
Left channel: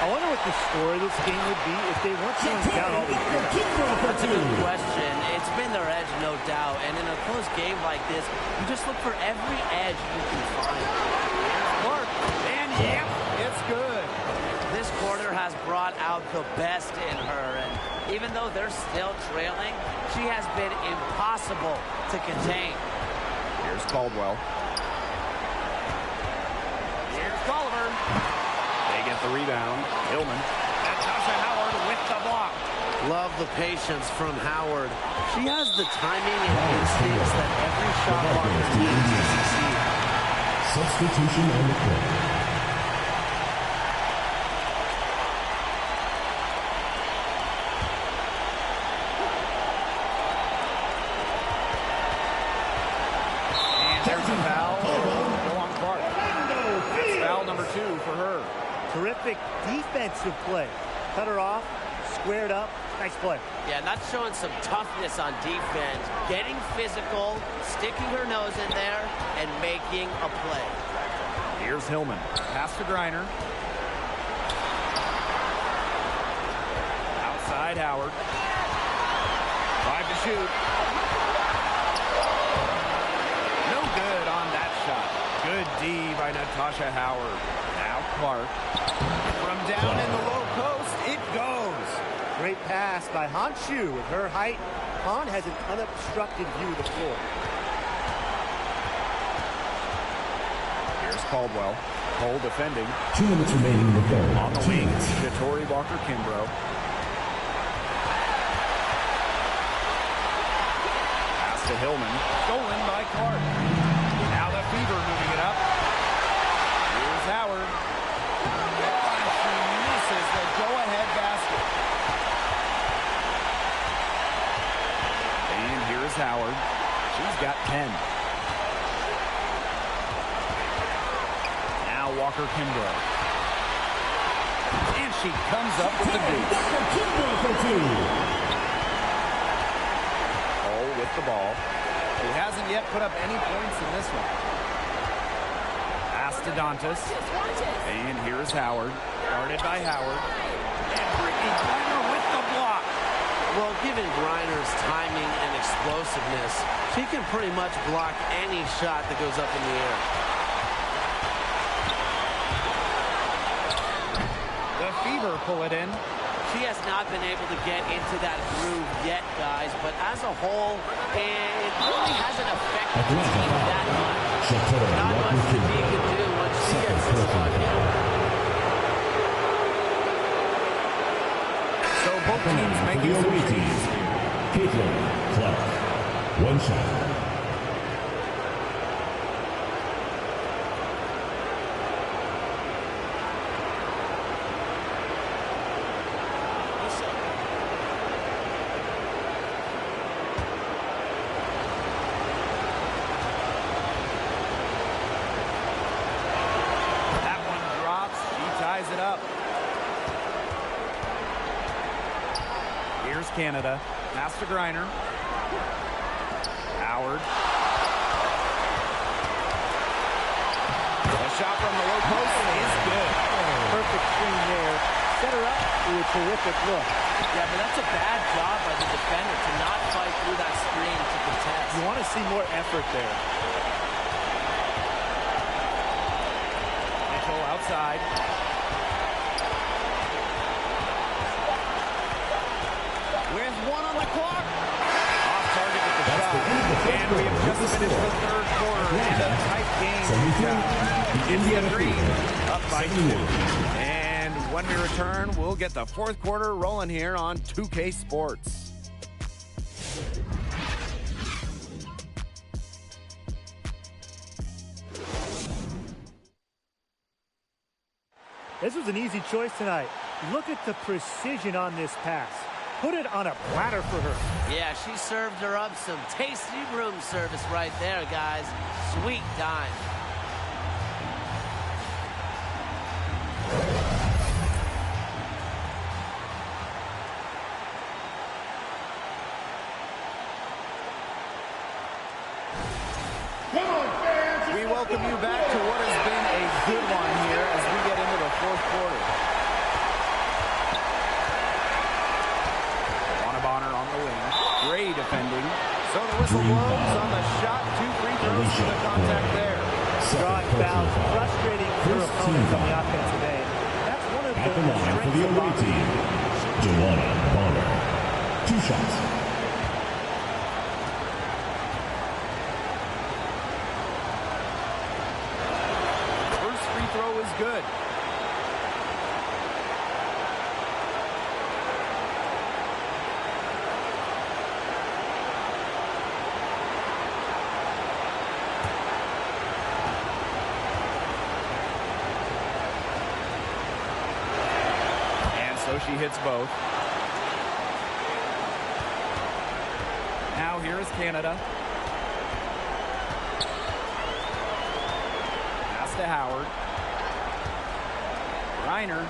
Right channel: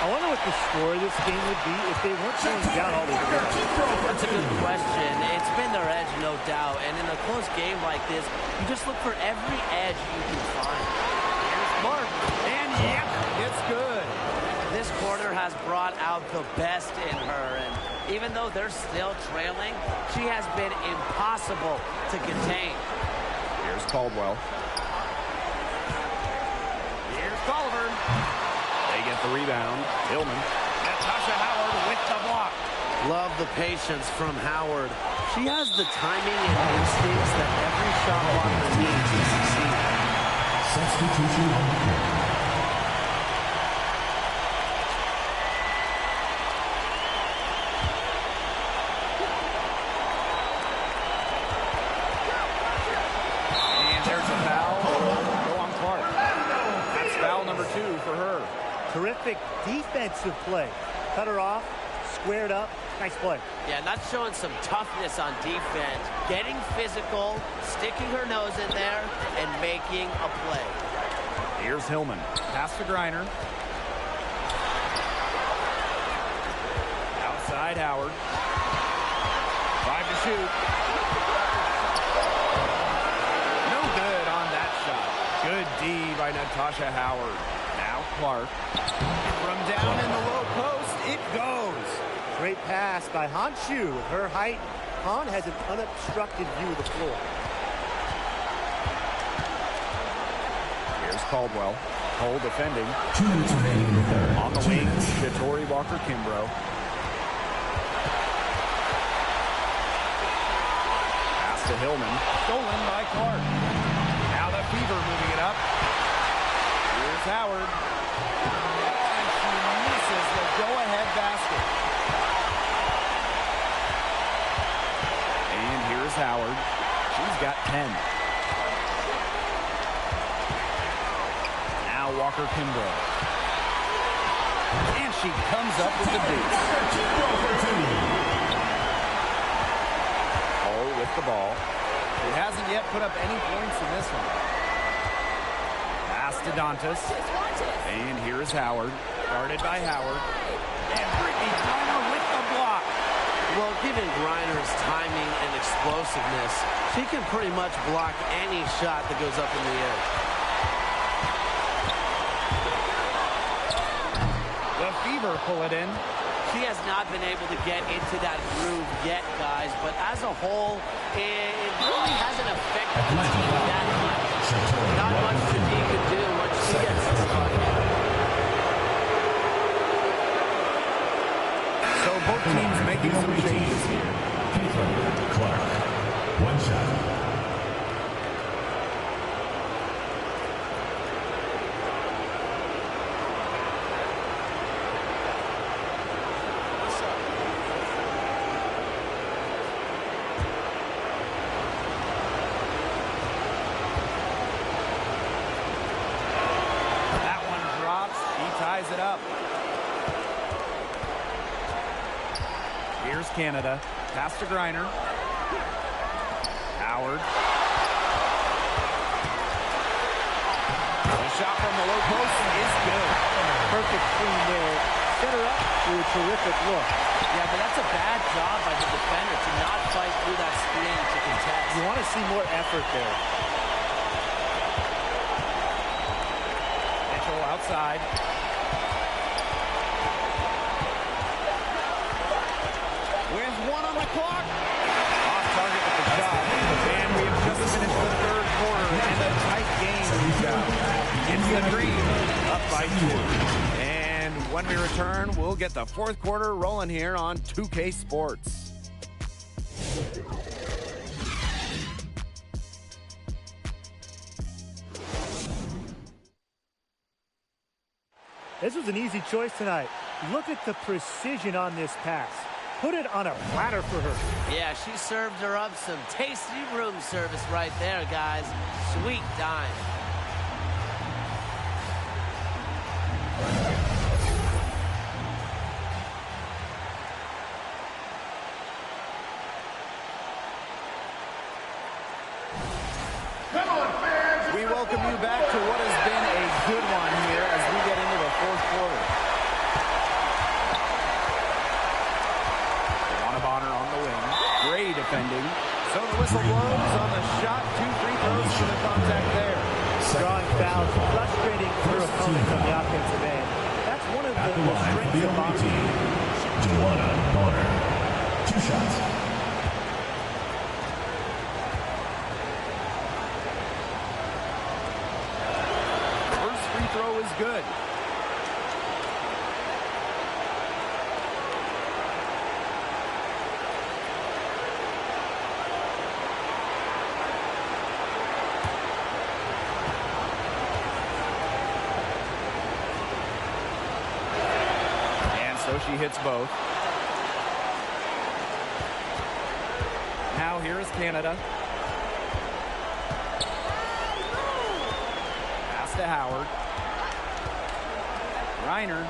I wonder what the score of this game would be if they weren't going down all these rebounds. That's a good question. It's been their edge, no doubt. And in a close game like this, you just look for every edge you can find. Here's Clark. And yep, it's good. This quarter has brought out the best in her. And even though they're still trailing, she has been impossible to contain. Here's Caldwell. Here's Golliver. They get the rebound. Hillman. Natasha Howard with the block. Love the patience from Howard. She has the timing and instincts that every shot blocker needs to succeed. Substitution on the court. And there's a foul. Go on Clark. That's foul number 2 for her. Terrific defensive play. Cut her off, squared up. Nice play. Yeah, not showing some toughness on defense. Getting physical, sticking her nose in there, and making a play. Here's Hillman. Pass to Griner. Outside Howard. 5 to shoot. No good on that shot. Good D by Natasha Howard. Now Clark. From down in the low post, it goes. Great pass by Hanshu. With her height, Han has an unobstructed view of the floor. Here's Caldwell. Cole defending. 2 minutes remaining in the third. On the wing, Shatori Walker Kimbrough. Pass to Hillman. Stolen by Clark. Now the Fever moving it up. Here's Howard. Oh, and she misses the go-ahead basket. And here's Howard. She's got 10. Now Walker Kimbrough. And she comes up with the deuce. Walker Kimbrough for 2. Hull with the ball. She hasn't yet put up any points in this one. Pass to Dantas. And here's Howard. Guarded by Howard. And Brittany Griner with the block. Well, given Griner's timing and explosiveness, she can pretty much block any shot that goes up in the air. The Fever pull it in. She has not been able to get into that groove yet, guys, but as a whole, it really hasn't affected the team that much. Not much the D can do once she gets this bucket. So both teams making some changes here. Caitlin Clark. 1 shot. That one drops. She ties it up. Here's Canada. Pass to Griner. Howard. The shot from the low post is good. Perfect screen there. set her up with a terrific look. Yeah, but that's a bad job by the defender to not fight through that screen to contest. You want to see more effort there. Mitchell outside. With 1 on the clock. Off target with the shot. And we have just finished the third quarter and a tight game we've got. It's the Dream up by 2. And when we return, we'll get the fourth quarter rolling here on 2K Sports. This was an easy choice tonight. Look at the precision on this pass. Put it on a platter for her. Yeah, she served her up some tasty room service right there, guys. Sweet dime. Come on, fans. We welcome you back to what has been a good one here as we get into the fourth quarter. Bonner on the wing. Gray defending. So the whistle blows on the shot. 2 free throws for the contact there. Drawing fouls, frustrating her opponents on the offensive end. That's one of the strengths of Bonner. Bonner. 2 shots. First free throw is good. So she hits both. Now here is Canada. Pass to Howard. Reiner.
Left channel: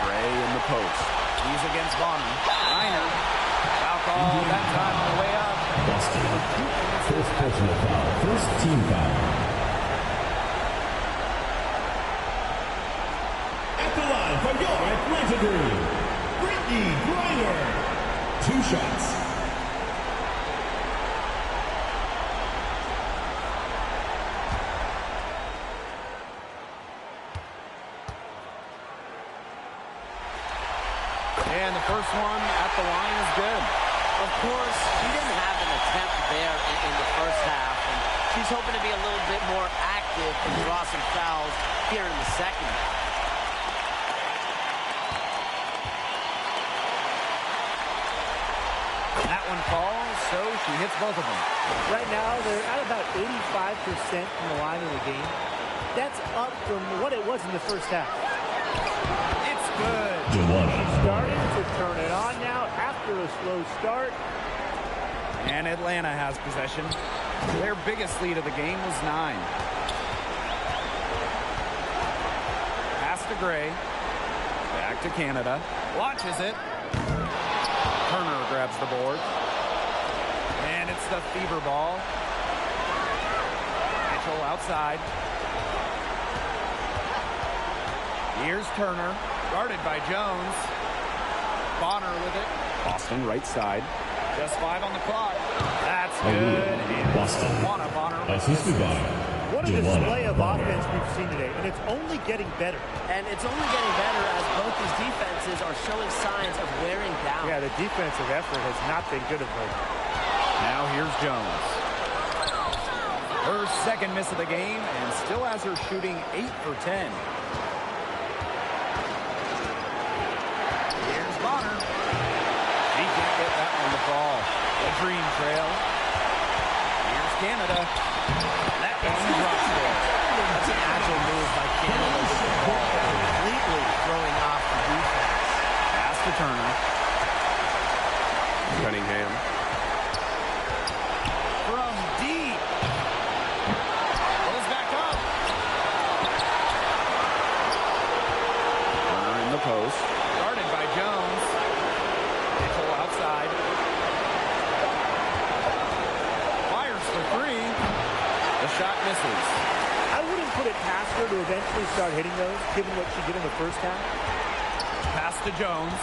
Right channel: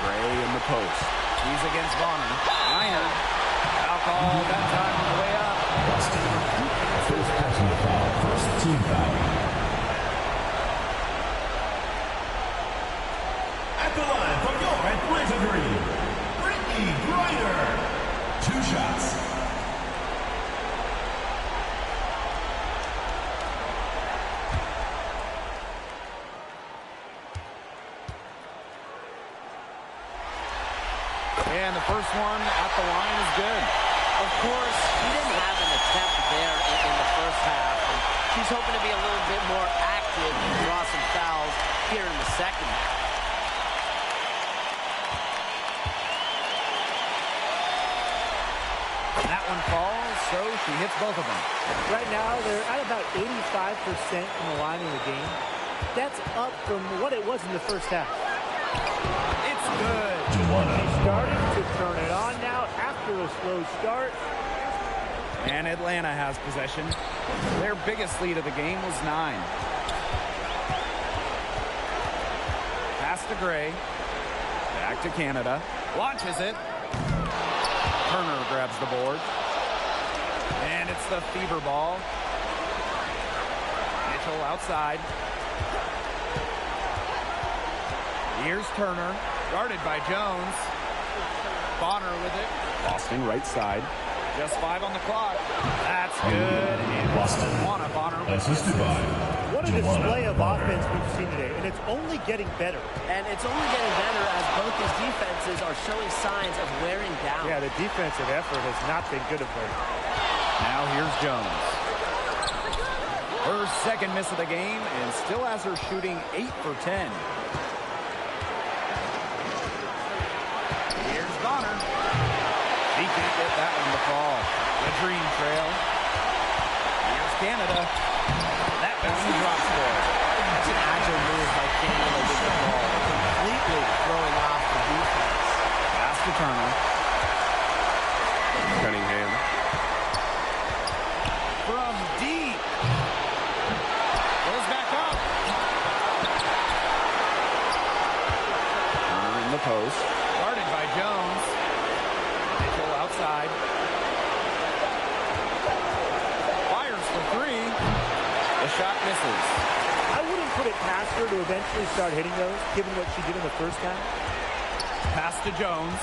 Gray in the post. He's against Bonner. Reiner. Foul call that time on the way up. First personal foul. First team foul. At the line from your Atlanta Dream, Brittany Griner. 2 shots. And the first one at the line is good. Of course, she didn't have an attempt there in the first half, and she's hoping to be a little bit more active and draw some fouls here in the second half. That one falls, so she hits both of them. Right now, they're at about 85% from the line in the game. That's up from what it was in the first half. It's good. She's starting to turn it on now after a slow start. And Atlanta has possession. Their biggest lead of the game was 9. Pass to Gray. Back to Canada. Launches it. Turner grabs the board. And it's the fever ball. Mitchell outside. Here's Turner. Guarded by Jones. Bonner with it. Boston right side. Just 5 on the clock. That's good. And Boston. Wnba Bonner with Assisted by. What a display of offense we've seen today, and it's only getting better. And it's only getting better as both these defenses are showing signs of wearing down. Yeah, the defensive effort has not been good of late. Now here's Jones. Her second miss of the game, and still has her shooting 8 for 10. Here's Bonner. She can't get that one to fall. The Dream trail. Here's Canada. That one drops for her. That's an agile move by Canada with the ball, completely throwing off the defense. Pass to Turner. Cunningham. From deep. Goes back up. Turner in the post. Guarded by Jones. Mitchell outside. Fires for 3. The shot misses. I wouldn't put it past her to eventually start hitting those, given what she did in the first half. Pass to Jones.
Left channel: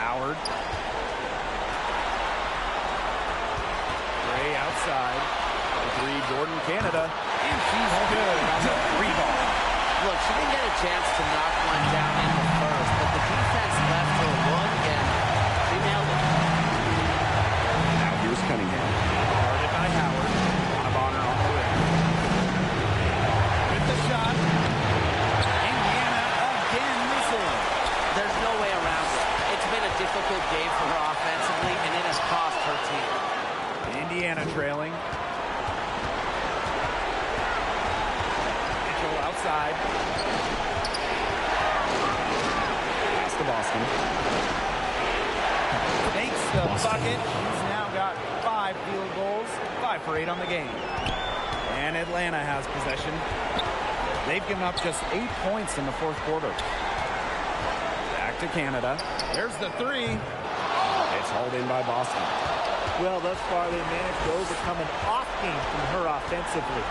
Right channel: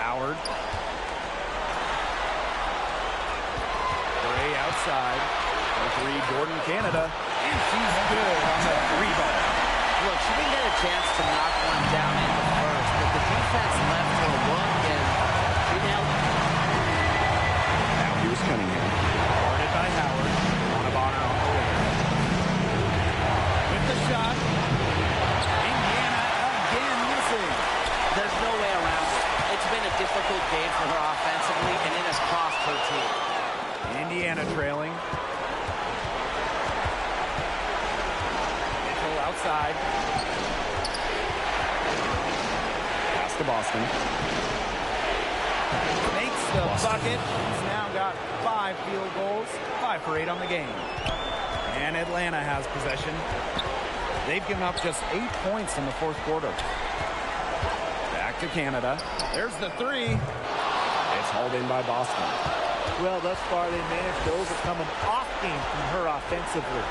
Howard. Gray outside. 3 Jordan Canada. And she's good on the 3 ball. Look, she didn't get a chance to knock one down in the first, but the defense left her a look, and she nailed it. Now here's Cunningham. Guarded by Howard. Wnba on the wing. With the shot. Indiana again missing. There's no way around it. It's been a difficult game for her offensively, and it has cost her team. Indiana trailing. Mitchell outside. Pass to Boston. Makes the bucket. She's now got 5 field goals. 5 for 8 on the game. And Atlanta has possession. They've given up just 8 points in the 4th quarter. Back to Canada. There's the 3. It's hauled in by Boston. Well, thus far, they managed to overcome an off game from her offensively.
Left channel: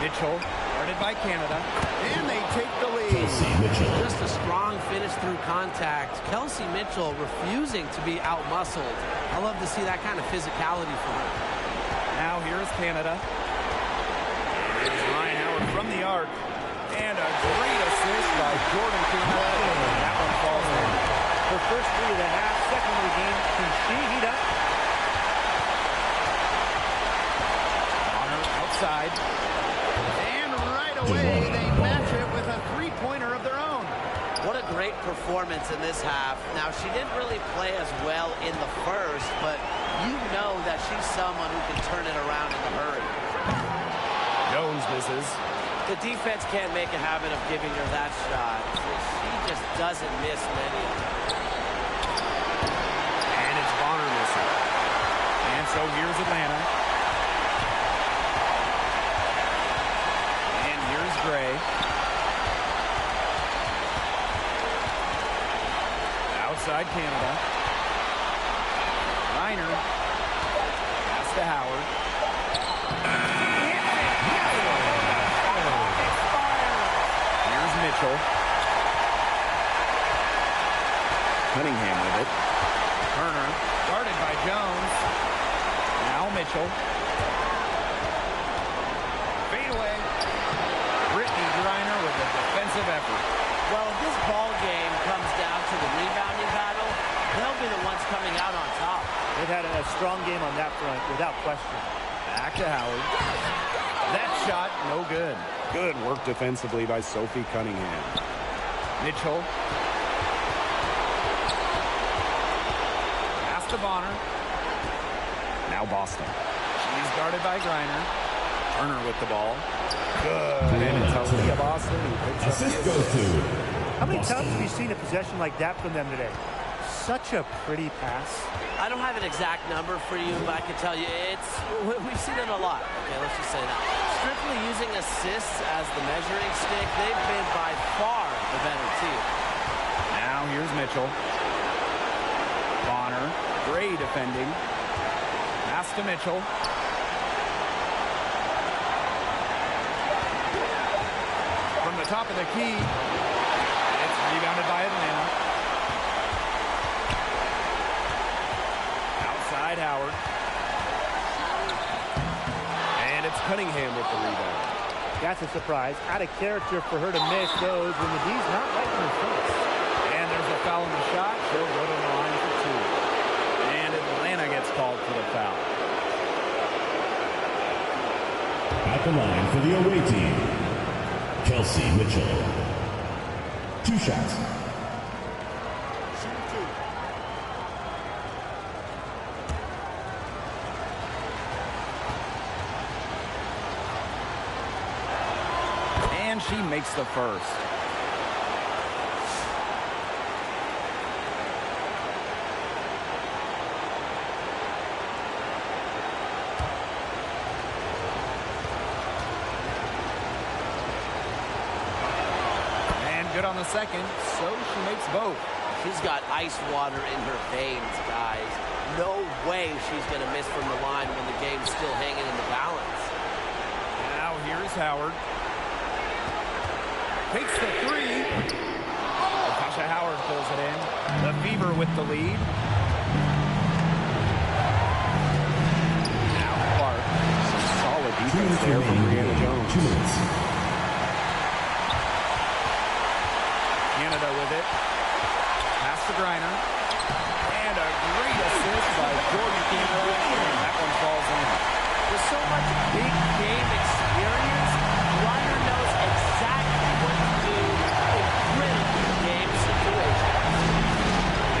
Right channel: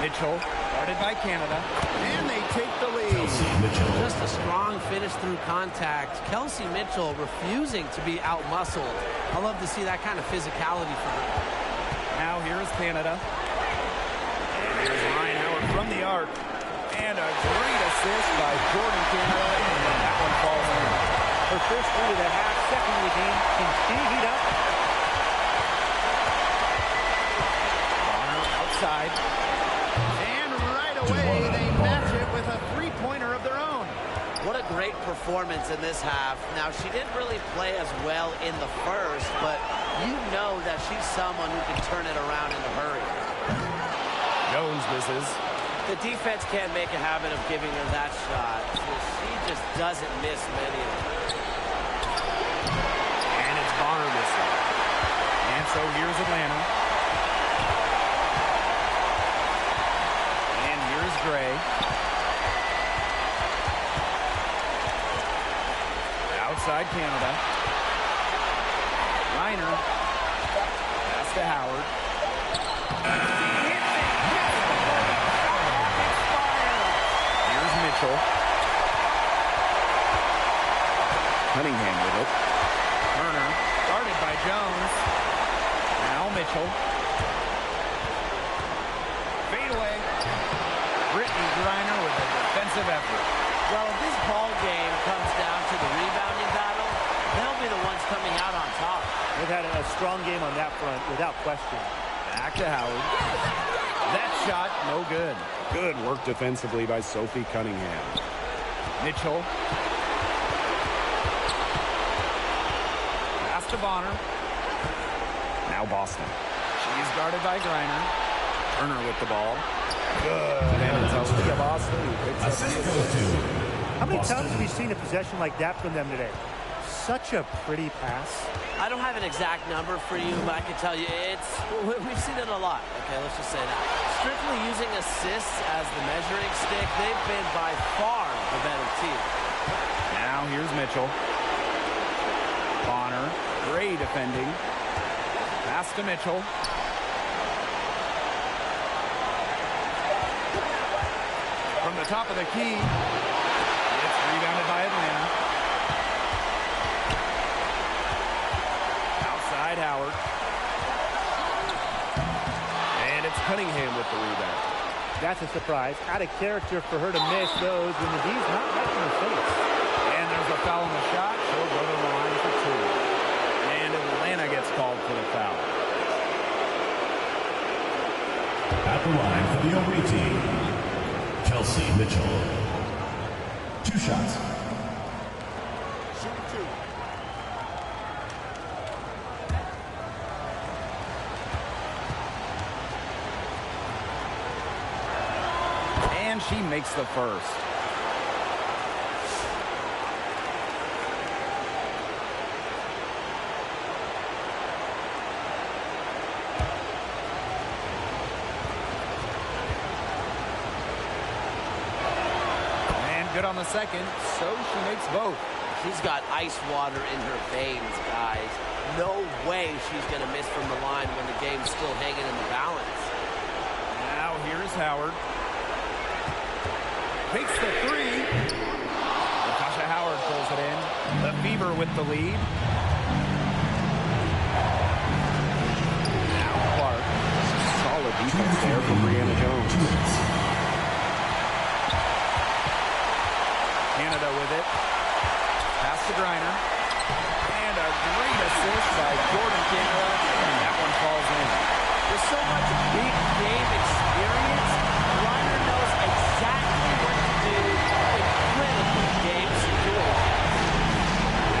Mitchell, guarded by Canada, and they take the lead. Just a strong finish through contact. Kelsey Mitchell refusing to be out-muscled. I love to see that kind of physicality from her. Now here's Canada. And here's Ryan Howard from the arc. And a great assist by Jordan Canada, and that one falls in. Her first 3 of the half, second of the game. Can she heat up? Outside. And right away, they match it with a 3-pointer of their own. What a great performance in this half. Now, she didn't really play as well in the first, but you know that she's someone who can turn it around in a hurry. Jones misses. The defense can't make a habit of giving her that shot. She just doesn't miss many of them. And it's Bonner missing. And so here's Atlanta. Here's Gray. Outside Canada. Reiner. Pass to Howard. Hits it just before the shot clock expires. Here's Mitchell. Cunningham with it. Turner. Guarded by Jones. Now Mitchell. Fade away. Brittany Griner with a defensive effort. Well, if this ball game comes down to the rebounding battle, they'll be the ones coming out on top. They've had a strong game on that front, without question. Back to Howard. That shot, no good. Good work defensively by Sophie Cunningham. Mitchell. Pass to Bonner. Now Boston. She's guarded by Griner. Turner with the ball. Good. And it's Aaliyah Boston who picks up the assist. How many times have we seen a possession like that from them today? Such a pretty pass. I don't have an exact number for you, but I can tell you we've seen it a lot. Okay, let's just say that. Strictly using assists as the measuring stick, they've been by far the better team. Now here's Mitchell. Bonner. Gray defending. Pass to Mitchell. From the top of the key, it's rebounded by Atlanta. Outside Howard. And it's Cunningham with the rebound. That's a surprise. Out of character for her to miss those when the D's not right in her face. And there's a foul on the shot. She'll go to the line for 2. And Atlanta gets called for the foul. At the line for the away team, Kelsey Mitchell. 2 shots. Shooting 2. And she makes the first. Good on the second, so she makes both. She's got ice water in her veins, guys. No way she's going to miss from the line when the game's still hanging in the balance. Now here's Howard. Takes the three. Natasha Howard pulls it in. The Fever with the lead. Now Clark. Some solid defense there from Brianna Jones. 2 minutes. Canada with it. Pass to Griner. And a great assist by Jordan Canada. And that one falls in. With so much big game experience, Griner knows exactly what to do in critical game situations.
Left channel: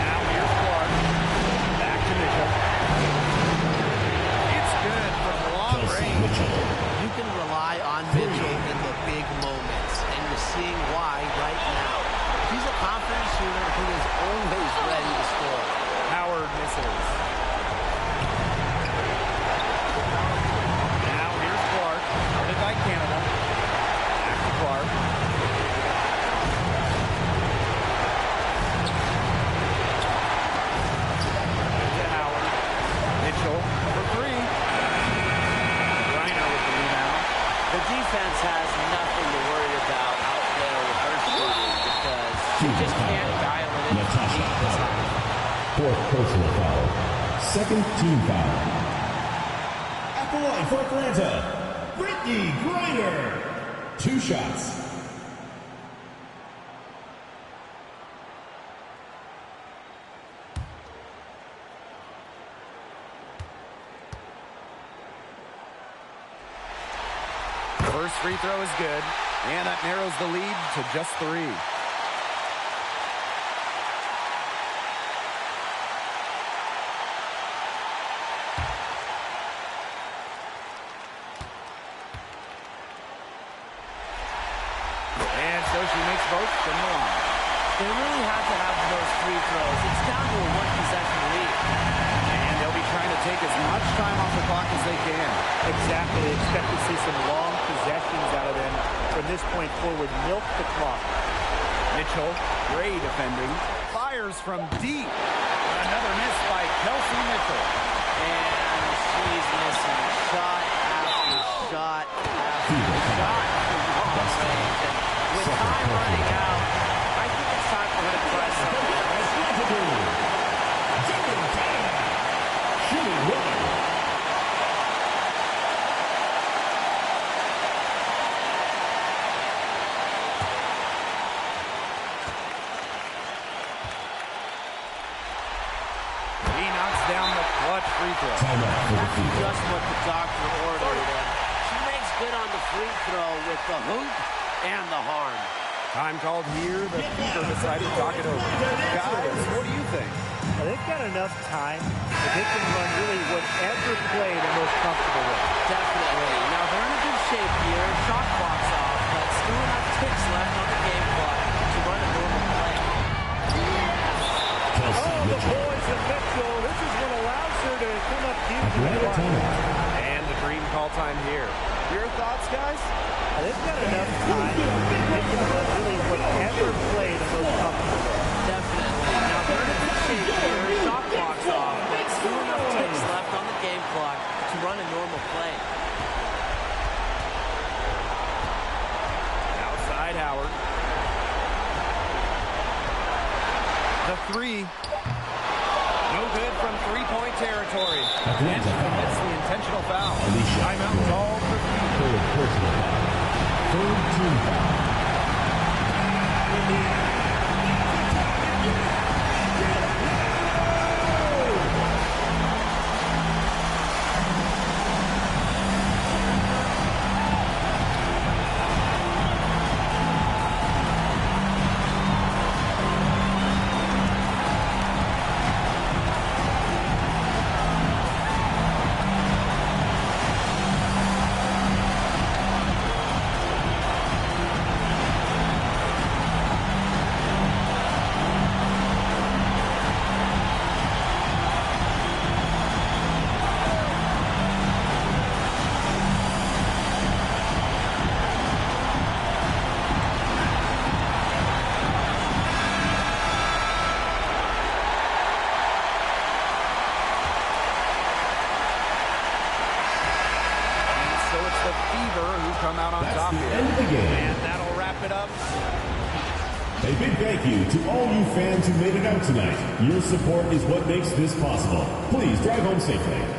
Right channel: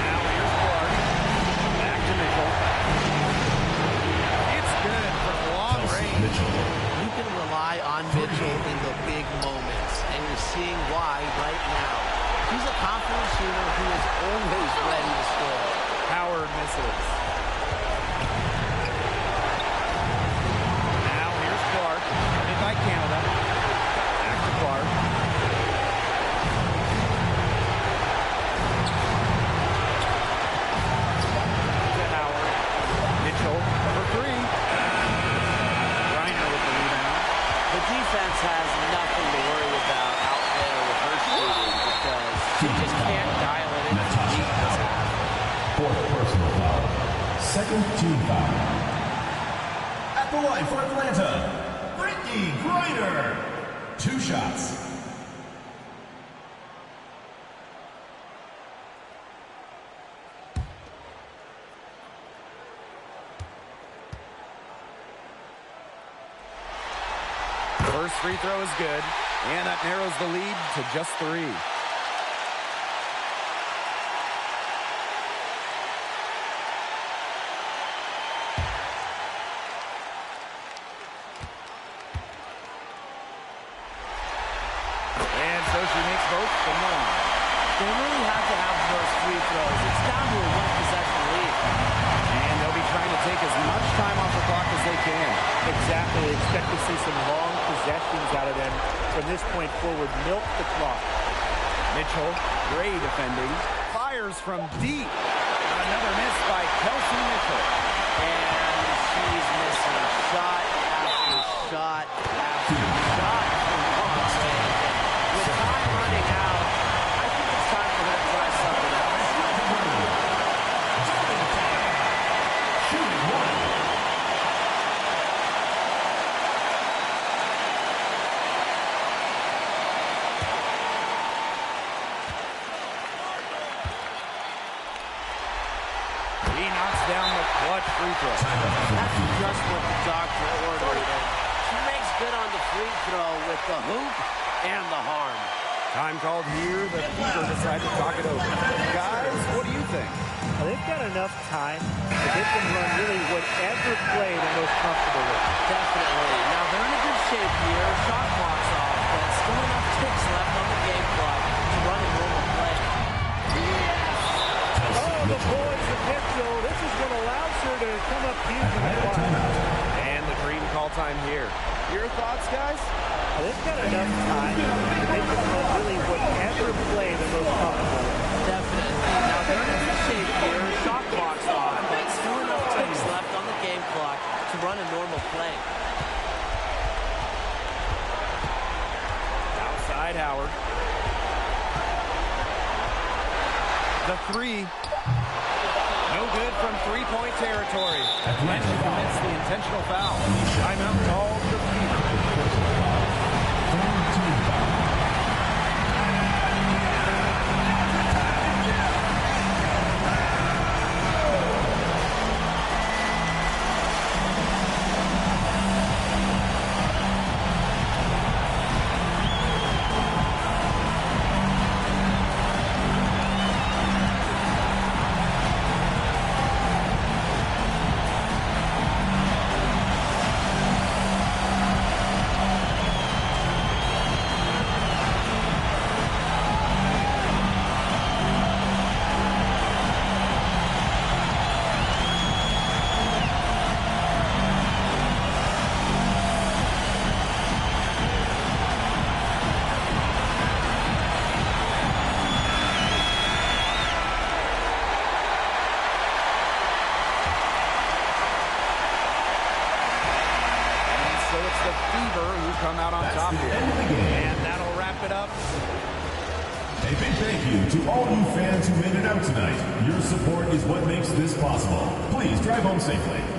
Now here's Clark. Back to Mitchell. It's good from long range. Mitchell. You can rely on Mitchell in the big moments, and you're seeing why right now. She's a confident shooter who is always ready to score. Howard misses. Now here's Clark. Guarded by Canada. Back to Clark. To Howard. Mitchell for three. Griner with the rebound. The defense has nothing to worry about out there with her shooting because she just can't dial it in to beat this half. 4th personal foul. 2nd team foul. At the line for Atlanta, Brittany Griner. 2 shots. First free throw is good, and that narrows the lead to just 3. And so she makes both from the line. They really have to have those free throws. It's down to a one-possession lead. And they'll be trying to take as much time off the clock as they can. Exactly. Expect to see some long possessions out of them from this point forward. Milk the clock. Mitchell, great defending. Fires from deep. Another miss by Kelsey Mitchell. And she's missing shot after shot after shot from long range. And with time running out, I think it's time for her to try something else. Shooting one. He knocks down the clutch free throw. That's just what the doctor ordered, and she makes good on the free throw with the hoop and the harm. Time called here. The Fever decide to talk it over. Guys, what do you think? They've got enough time that they can run really whatever play they're most comfortable with. Definitely. Now, they're in a good shape here. Shot clock's off, but still enough ticks left on the game clock to run a normal play. Oh, the boys of Mitchell. This is what allows her to come up huge in the clutch. And the dream call time here. Your thoughts, guys? They've got enough time that they can run really whatever play they're most comfortable with. Definitely. Now, they're in a good shape here. Shot clock's off, but still enough ticks left on the game clock to run a normal play. Outside Howard. The three. No good from three-point territory. And she commits the intentional foul. Timeout called the Fever. 3rd team foul. come out on top here. End of the game. And that'll wrap it up. A big thank you to all you fans who made it out tonight. Your support is what makes this possible. Please drive home safely.